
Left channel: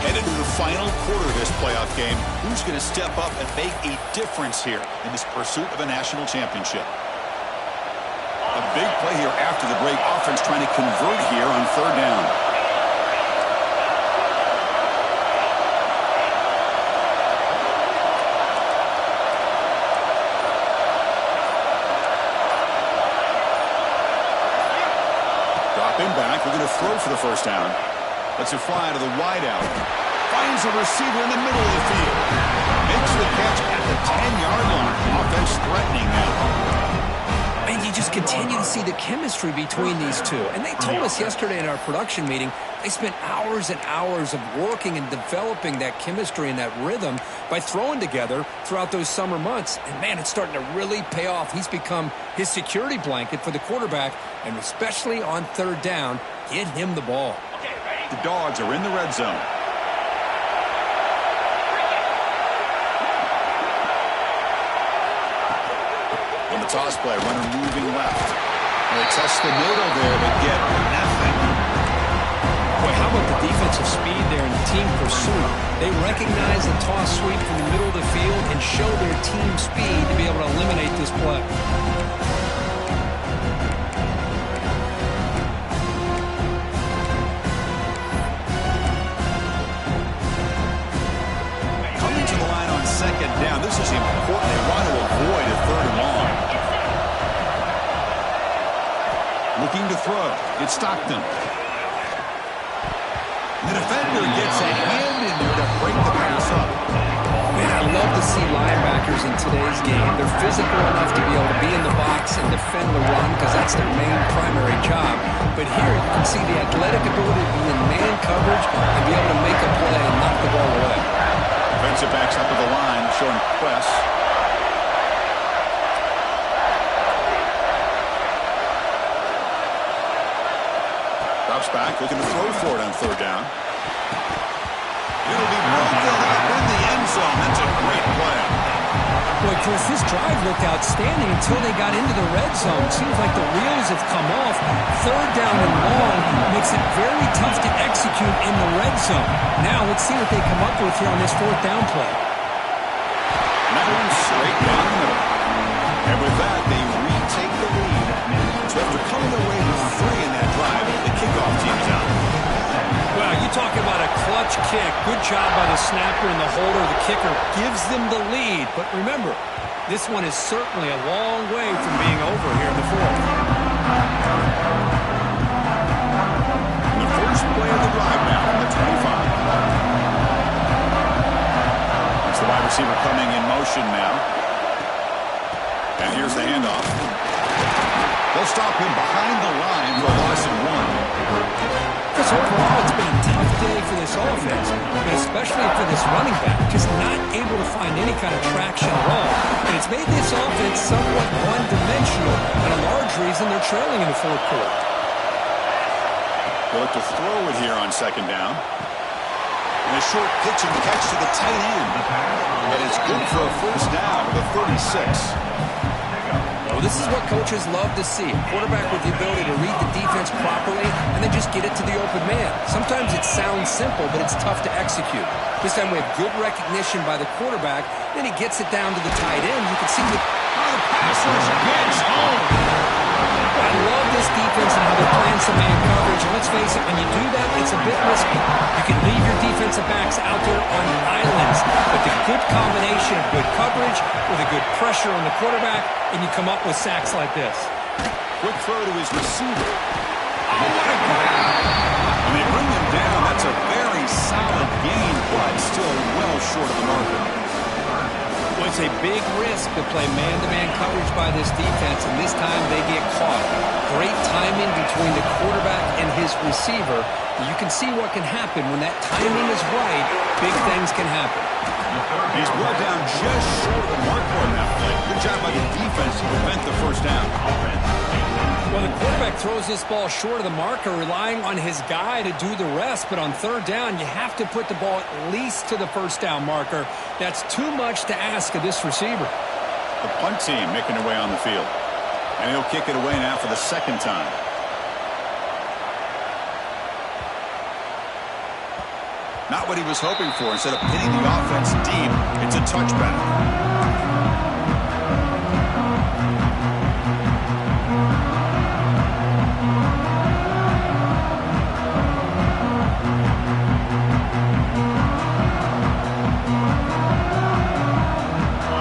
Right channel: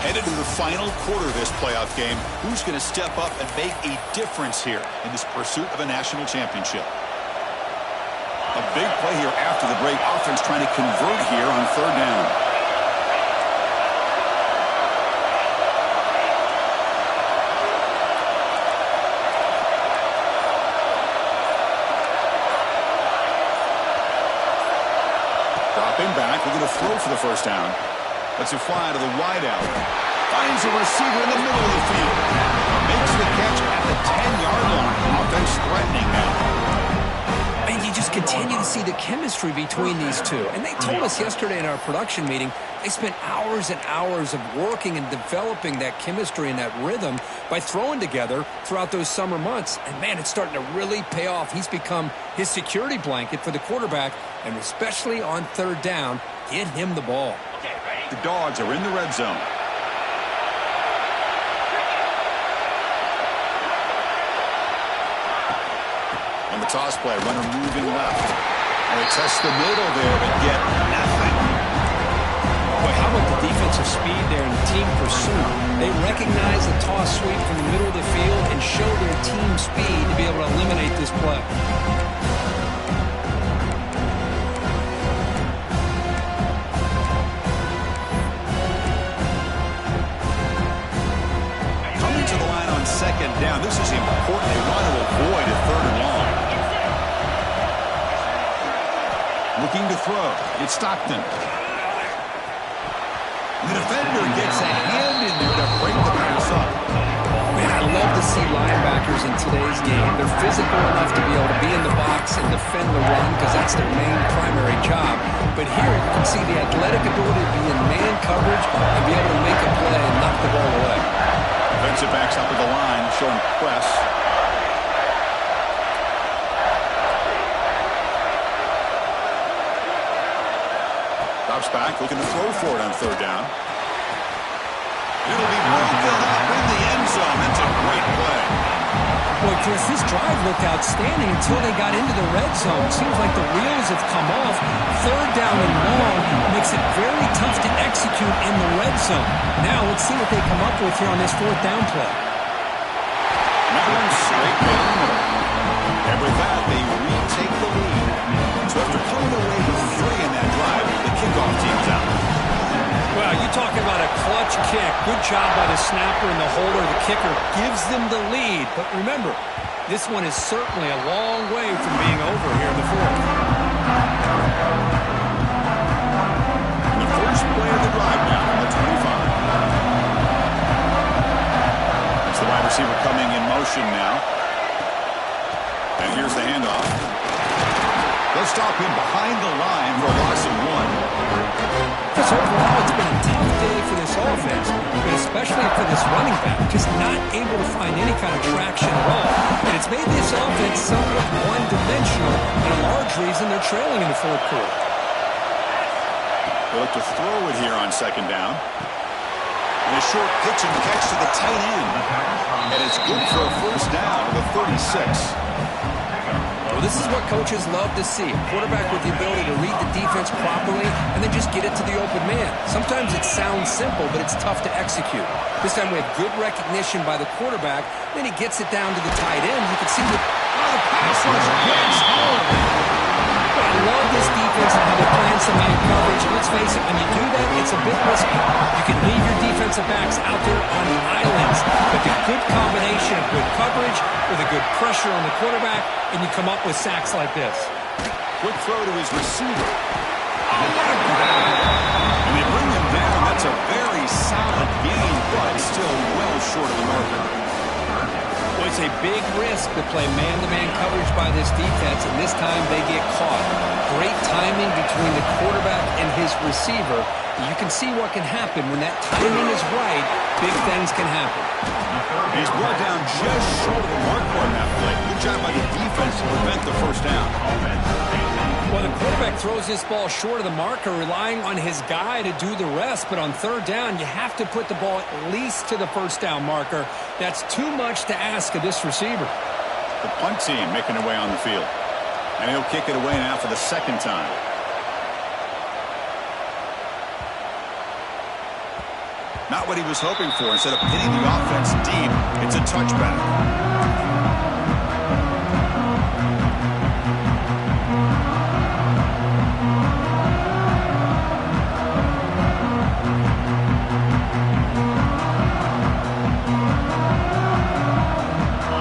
Headed to the final quarter of this playoff game. Who's going to step up and make a difference here in this pursuit of a national championship? A big play here after the break. Offense trying to convert here on third down. Drop him back. We're going to throw for the first down. Let's it fly to the wide out. Finds a receiver in the middle of the field. Makes the catch at the 10-yard line. Offense threatening now. And you just continue to see the chemistry between these two. And they told us yesterday in our production meeting, they spent hours and hours of working and developing that chemistry and that rhythm by throwing together throughout those summer months. And, man, it's starting to really pay off. He's become his security blanket for the quarterback, and especially on third down, get him the ball. Okay, ready? The Dogs are in the red zone. On the toss play, runner moving left. And they test the middle there, but get nothing. Boy, how about the defensive speed there in team pursuit? They recognize the toss sweep from the middle of the field and show their team speed to be able to eliminate this play. Coming to the line on second down, this is important. They want to avoid a third and long. Looking to throw. It's Stockton. The defender gets a hand in there to break the pass up. Man, I love to see linebackers in today's game. They're physical enough to be able to be in the box and defend the run because that's their main primary job. But here you can see the athletic ability to be in man coverage and be able to make a play and knock the ball away. Defensive backs up at the line, showing press. Drops back, looking to throw for it on third down. It'll be broken up in the end zone. That's a great play. Boy, Chris, this drive looked outstanding until they got into the red zone. Seems like the wheels have come off. Third down and long makes it very tough to execute in the red zone. Now let's see what they come up with here on this fourth down play. And that one's straight down the middle. And with that, they retake the lead. So after coming away with 3 in that drive, the kickoff team's out. Well, you talk about a clutch kick. Good job by the snapper and the holder. The kicker gives them the lead. But remember, this one is certainly a long way from being over here in the fourth. And the first play of the drive now from the 25. It's the wide receiver coming in motion now. And here's the handoff. They'll stop him behind the line for a loss of 1. Chris, overall, it's been a tough day for this offense, but especially for this running back, just not able to find any kind of traction at all. And it's made this offense somewhat one-dimensional, and a large reason they're trailing in the fourth quarter. They'll look to throw it here on second down. And a short pitch and catch to the tight end. And it's good for a first down to the 36. Well, this is what coaches love to see. A quarterback with the ability to read the defense properly and then just get it to the open man. Sometimes it sounds simple, but it's tough to execute. This time we have good recognition by the quarterback. Then he gets it down to the tight end. You can see the pass rush gets home. I love this defense and how they're playing some man coverage. And let's face it, when you do that, it's a bit risky. You can leave your defensive backs out there on islands. But the good combination of good coverage with a good pressure on the quarterback, and you come up with sacks like this. Quick throw to his receiver. Oh, what a grab! And they bring him down. That's a very solid gain, but still well short of the marker. Well, it's a big risk to play man-to-man coverage by this defense, and this time they get caught. Great timing between the quarterback and his receiver. You can see what can happen when that timing is right. Big things can happen. He's brought down just short of the marker on that play. Good job by the defense to prevent the first down. Well, the quarterback throws this ball short of the marker, relying on his guy to do the rest. But on third down, you have to put the ball at least to the first down marker. That's too much to ask of this receiver. The punt team making their way on the field. And he'll kick it away now for the second time. Not what he was hoping for. Instead of pinning the offense deep, it's a touchback.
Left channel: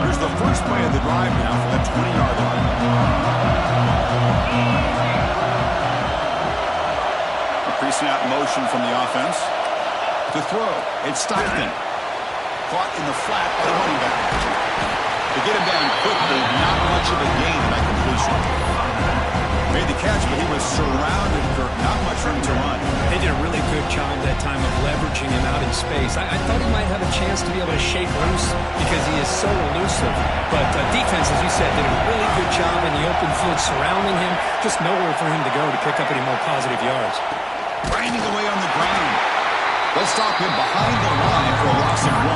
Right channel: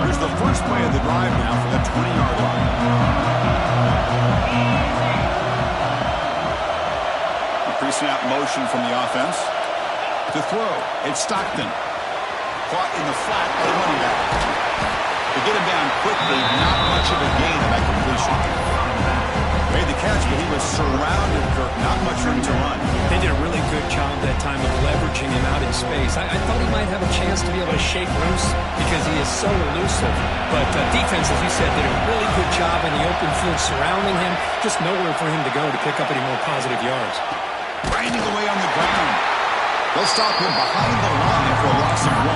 Here's the first play of the drive now from the 20-yard line. A pre-snap motion from the offense. To throw, it's Stockton. Caught in the flat by the running back. To get him down quickly, not much of a gain in that completion. Made the catch, but he was surrounded, Kirk. Not much room to run. They did a really good job that time of leveraging him out in space. I thought he might have a chance to be able to shake loose because he is so elusive. But defense, as you said, did a really good job in the open field surrounding him. Just nowhere for him to go to pick up any more positive yards. Grinding away on the ground. They'll stop him behind the line for a loss of 1.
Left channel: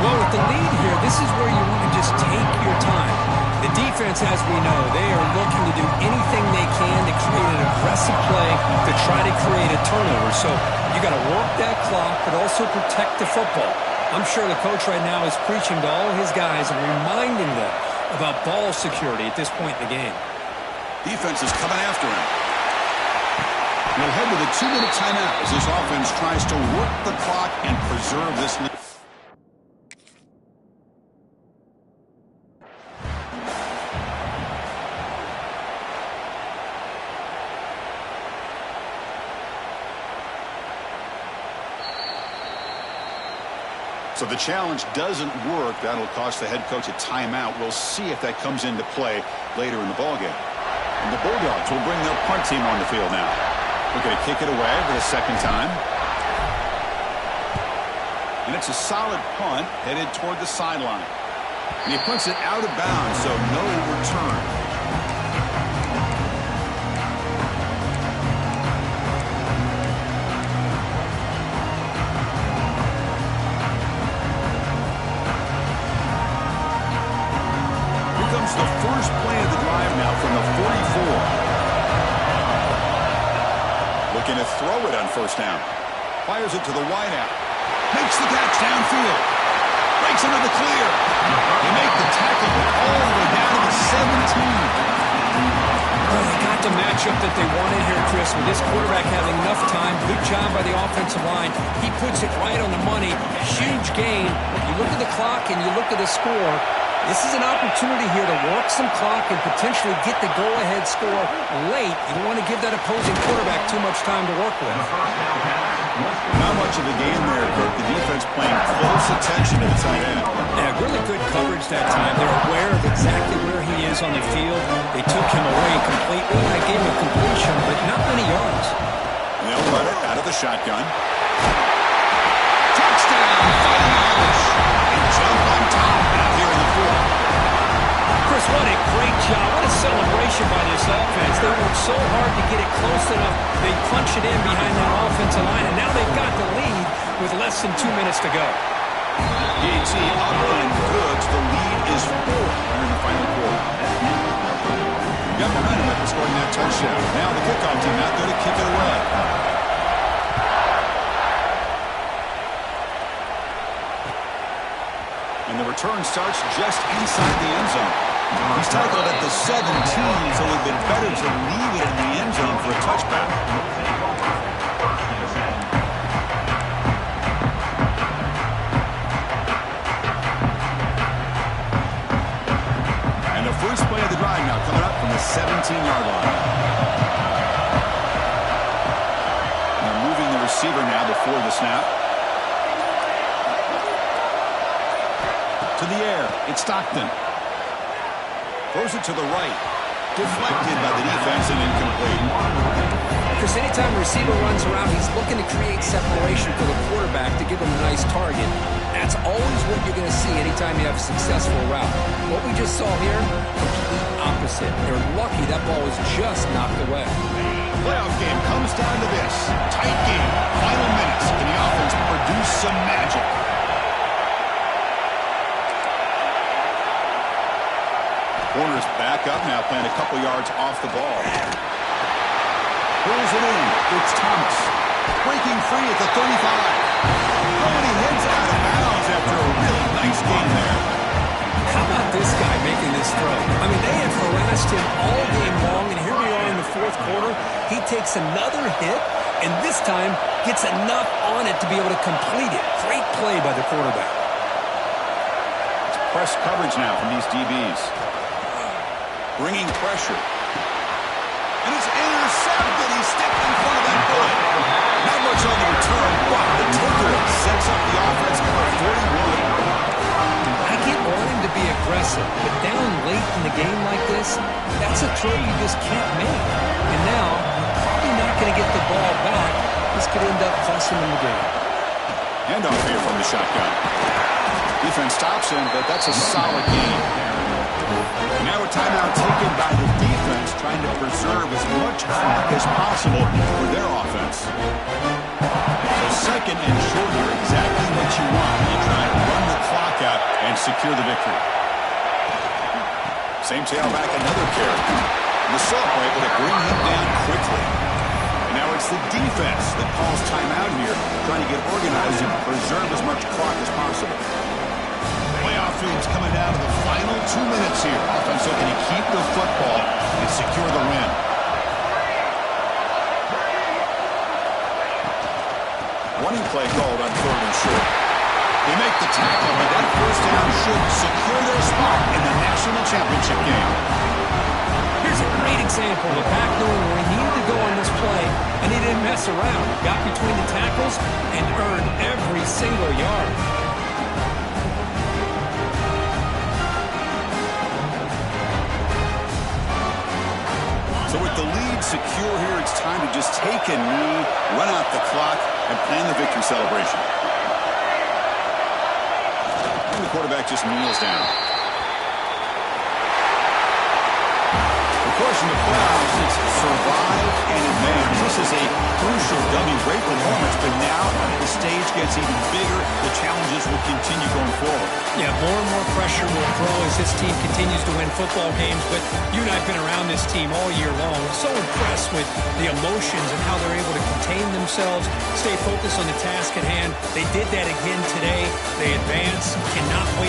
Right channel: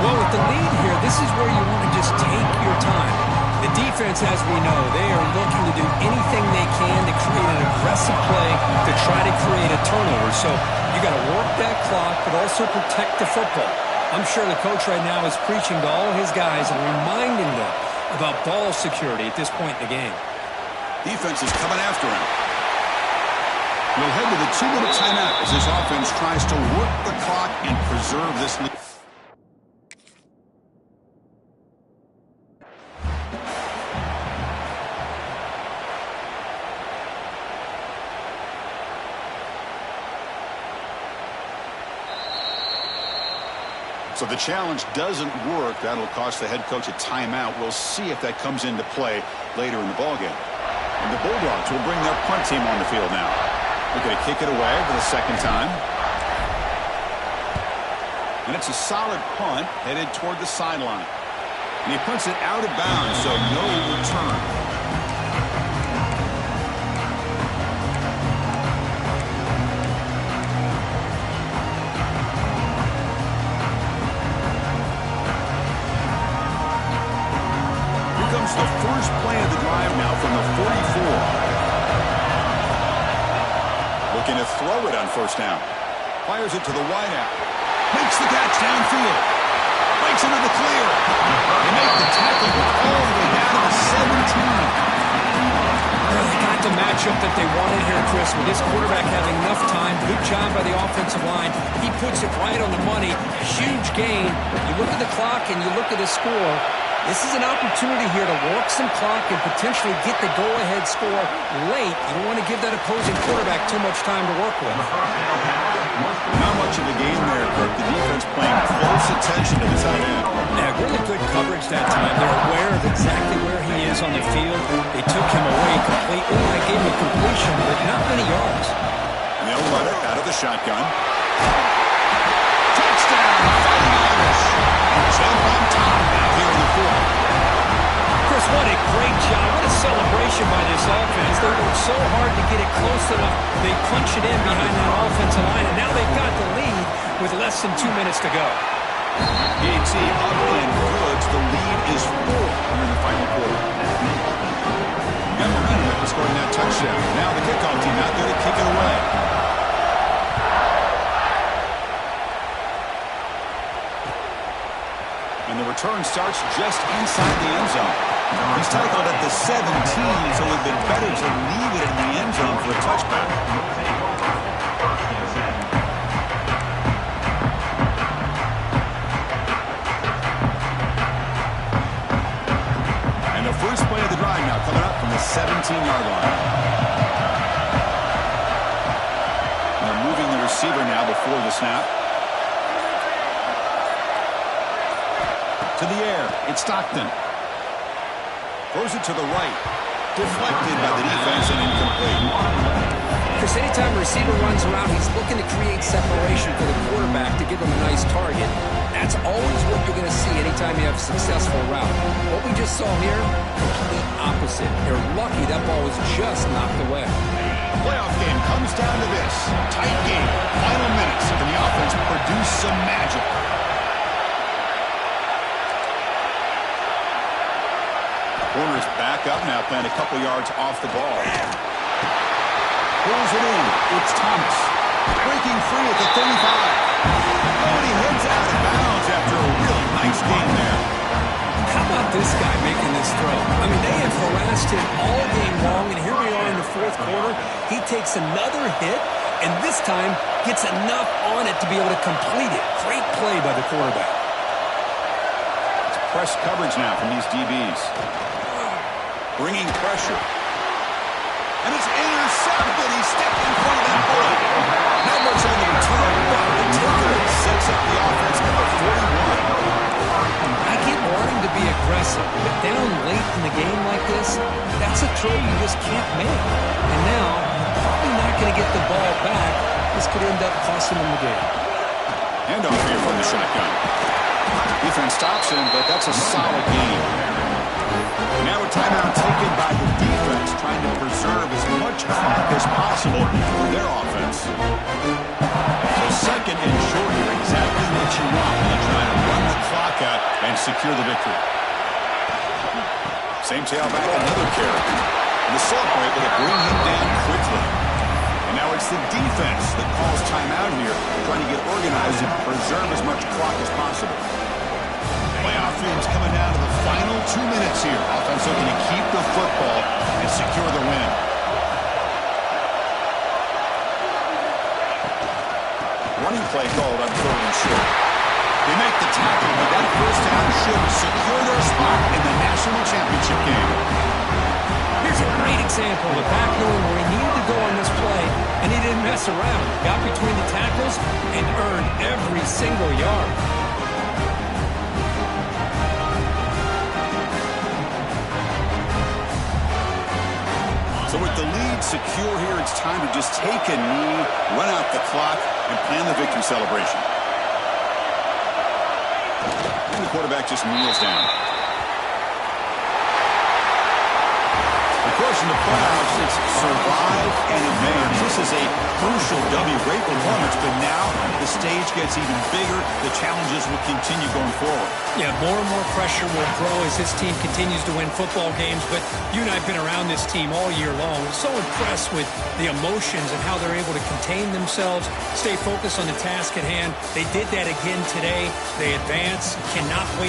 Well, with the lead here, this is where you want to just take your time. The defense, as we know, they are looking to do anything they can to create an aggressive play to try to create a turnover. So you got to work that clock, but also protect the football. I'm sure the coach right now is preaching to all his guys and reminding them about ball security at this point in the game. Defense is coming after him. We'll head to the 2-minute timeout as this offense tries to work the clock and preserve this lead. So the challenge doesn't work. That'll cost the head coach a timeout. We'll see if that comes into play later in the ballgame. And the Bulldogs will bring their punt team on the field now. Looking to kick it away for the second time. And it's a solid punt headed toward the sideline. And he punts it out of bounds, so no return. The first play of the drive now from the 44. Looking to throw it on first down. Fires it to the wideout. Makes the catch downfield. Breaks into the clear. They make the tackle all the way down to the 17. Well, they got the matchup that they wanted here, Chris, with this quarterback having enough time. Good job by the offensive line. He puts it right on the money. Huge gain. You look at the clock and you look at the score. This is an opportunity here to work some clock and potentially get the go-ahead score late. You don't want to give that opposing quarterback too much time to work with. Not much of a game there, Kirk. The defense paying close attention to the tight end. Yeah, really good coverage that time. They're aware of exactly where he is on the field. They took him away completely. I gave him a completion, but not many yards. And they'll run it out of the shotgun. Touchdown, Fighting Irish. And jump on top now here in the fourth. Chris, what a great job. What a celebration by this offense. They worked so hard to get it close enough. They punch it in behind that offensive line, and now they've got the lead with less than 2 minutes to go. PAT up and good. The lead is 4 here in the final quarter. Got momentum after scoring that touchdown. Now the kickoff team out there to kick it away. And the return starts just inside the end zone. He's tackled at the 17, so it would have been better to leave it in the end zone for a touchback. And the first play of the drive now coming up from the 17-yard line. They're moving the receiver now before the snap. To the air, it's Stockton. Throws it to the right. Deflected by the defense and incomplete. Chris, anytime a receiver runs around, he's looking to create separation for the quarterback to give him a nice target. That's always what you're going to see anytime you have a successful route. What we just saw here, complete opposite. They're lucky that ball was just knocked away. The playoff game comes down to this. Tight game, final minutes, and the offense produced some magic. Corner's back up now, playing a couple yards off the ball. Pulls it in. It's Thomas. Breaking free at the 35. Oh, and he heads out of bounds after a really nice game there. How about this guy making this throw? I mean, they have harassed him all game long, and here we are in the fourth quarter. He takes another hit, and this time gets enough on it to be able to complete it. Great play by the quarterback. It's press coverage now from these DBs. Bringing pressure. And it's intercepted. He stepped in front of that bullet. Now much on the return, but the takeaway sets up the offense at the 41. I get wanting to be aggressive, but down late in the game like this, that's a throw you just can't make. And now, you're probably not going to get the ball back. This could end up costing them the game. Handoff here from the shotgun. Defense stops him, but that's a solid gain. And now a timeout taken by the defense, trying to preserve as much clock as possible for their offense. So second and short here, exactly what you want when you try to run the clock out and secure the victory. Same tailback, another carry. And the Saints were able to bring him down quickly. And now it's the defense that calls timeout here, trying to get organized and preserve as much clock as possible. Playoff dreams coming down to the final 2 minutes here. Offense looking to keep the football and secure the win. Running play called on 3rd and short. They make the tackle, but that first down should secure their spot in the national championship game. Here's a great example of a back knowing where he needed to go on this play, and he didn't mess around. Got between the tackles and earned every single yard. So with the lead secure here, it's time to just take a knee, run out the clock, and plan the victory celebration. And the quarterback just kneels down. Of course, in the playoffs, it's survive and advance. This is a crucial W. Great performance, but now the stage gets even bigger. The challenges will continue going forward. Yeah, more and more pressure will grow as this team continues to win football games, but you and I have been around this team all year long. So impressed with the emotions and how they're able to contain themselves, stay focused on the task at hand. They did that again today. They advance, cannot wait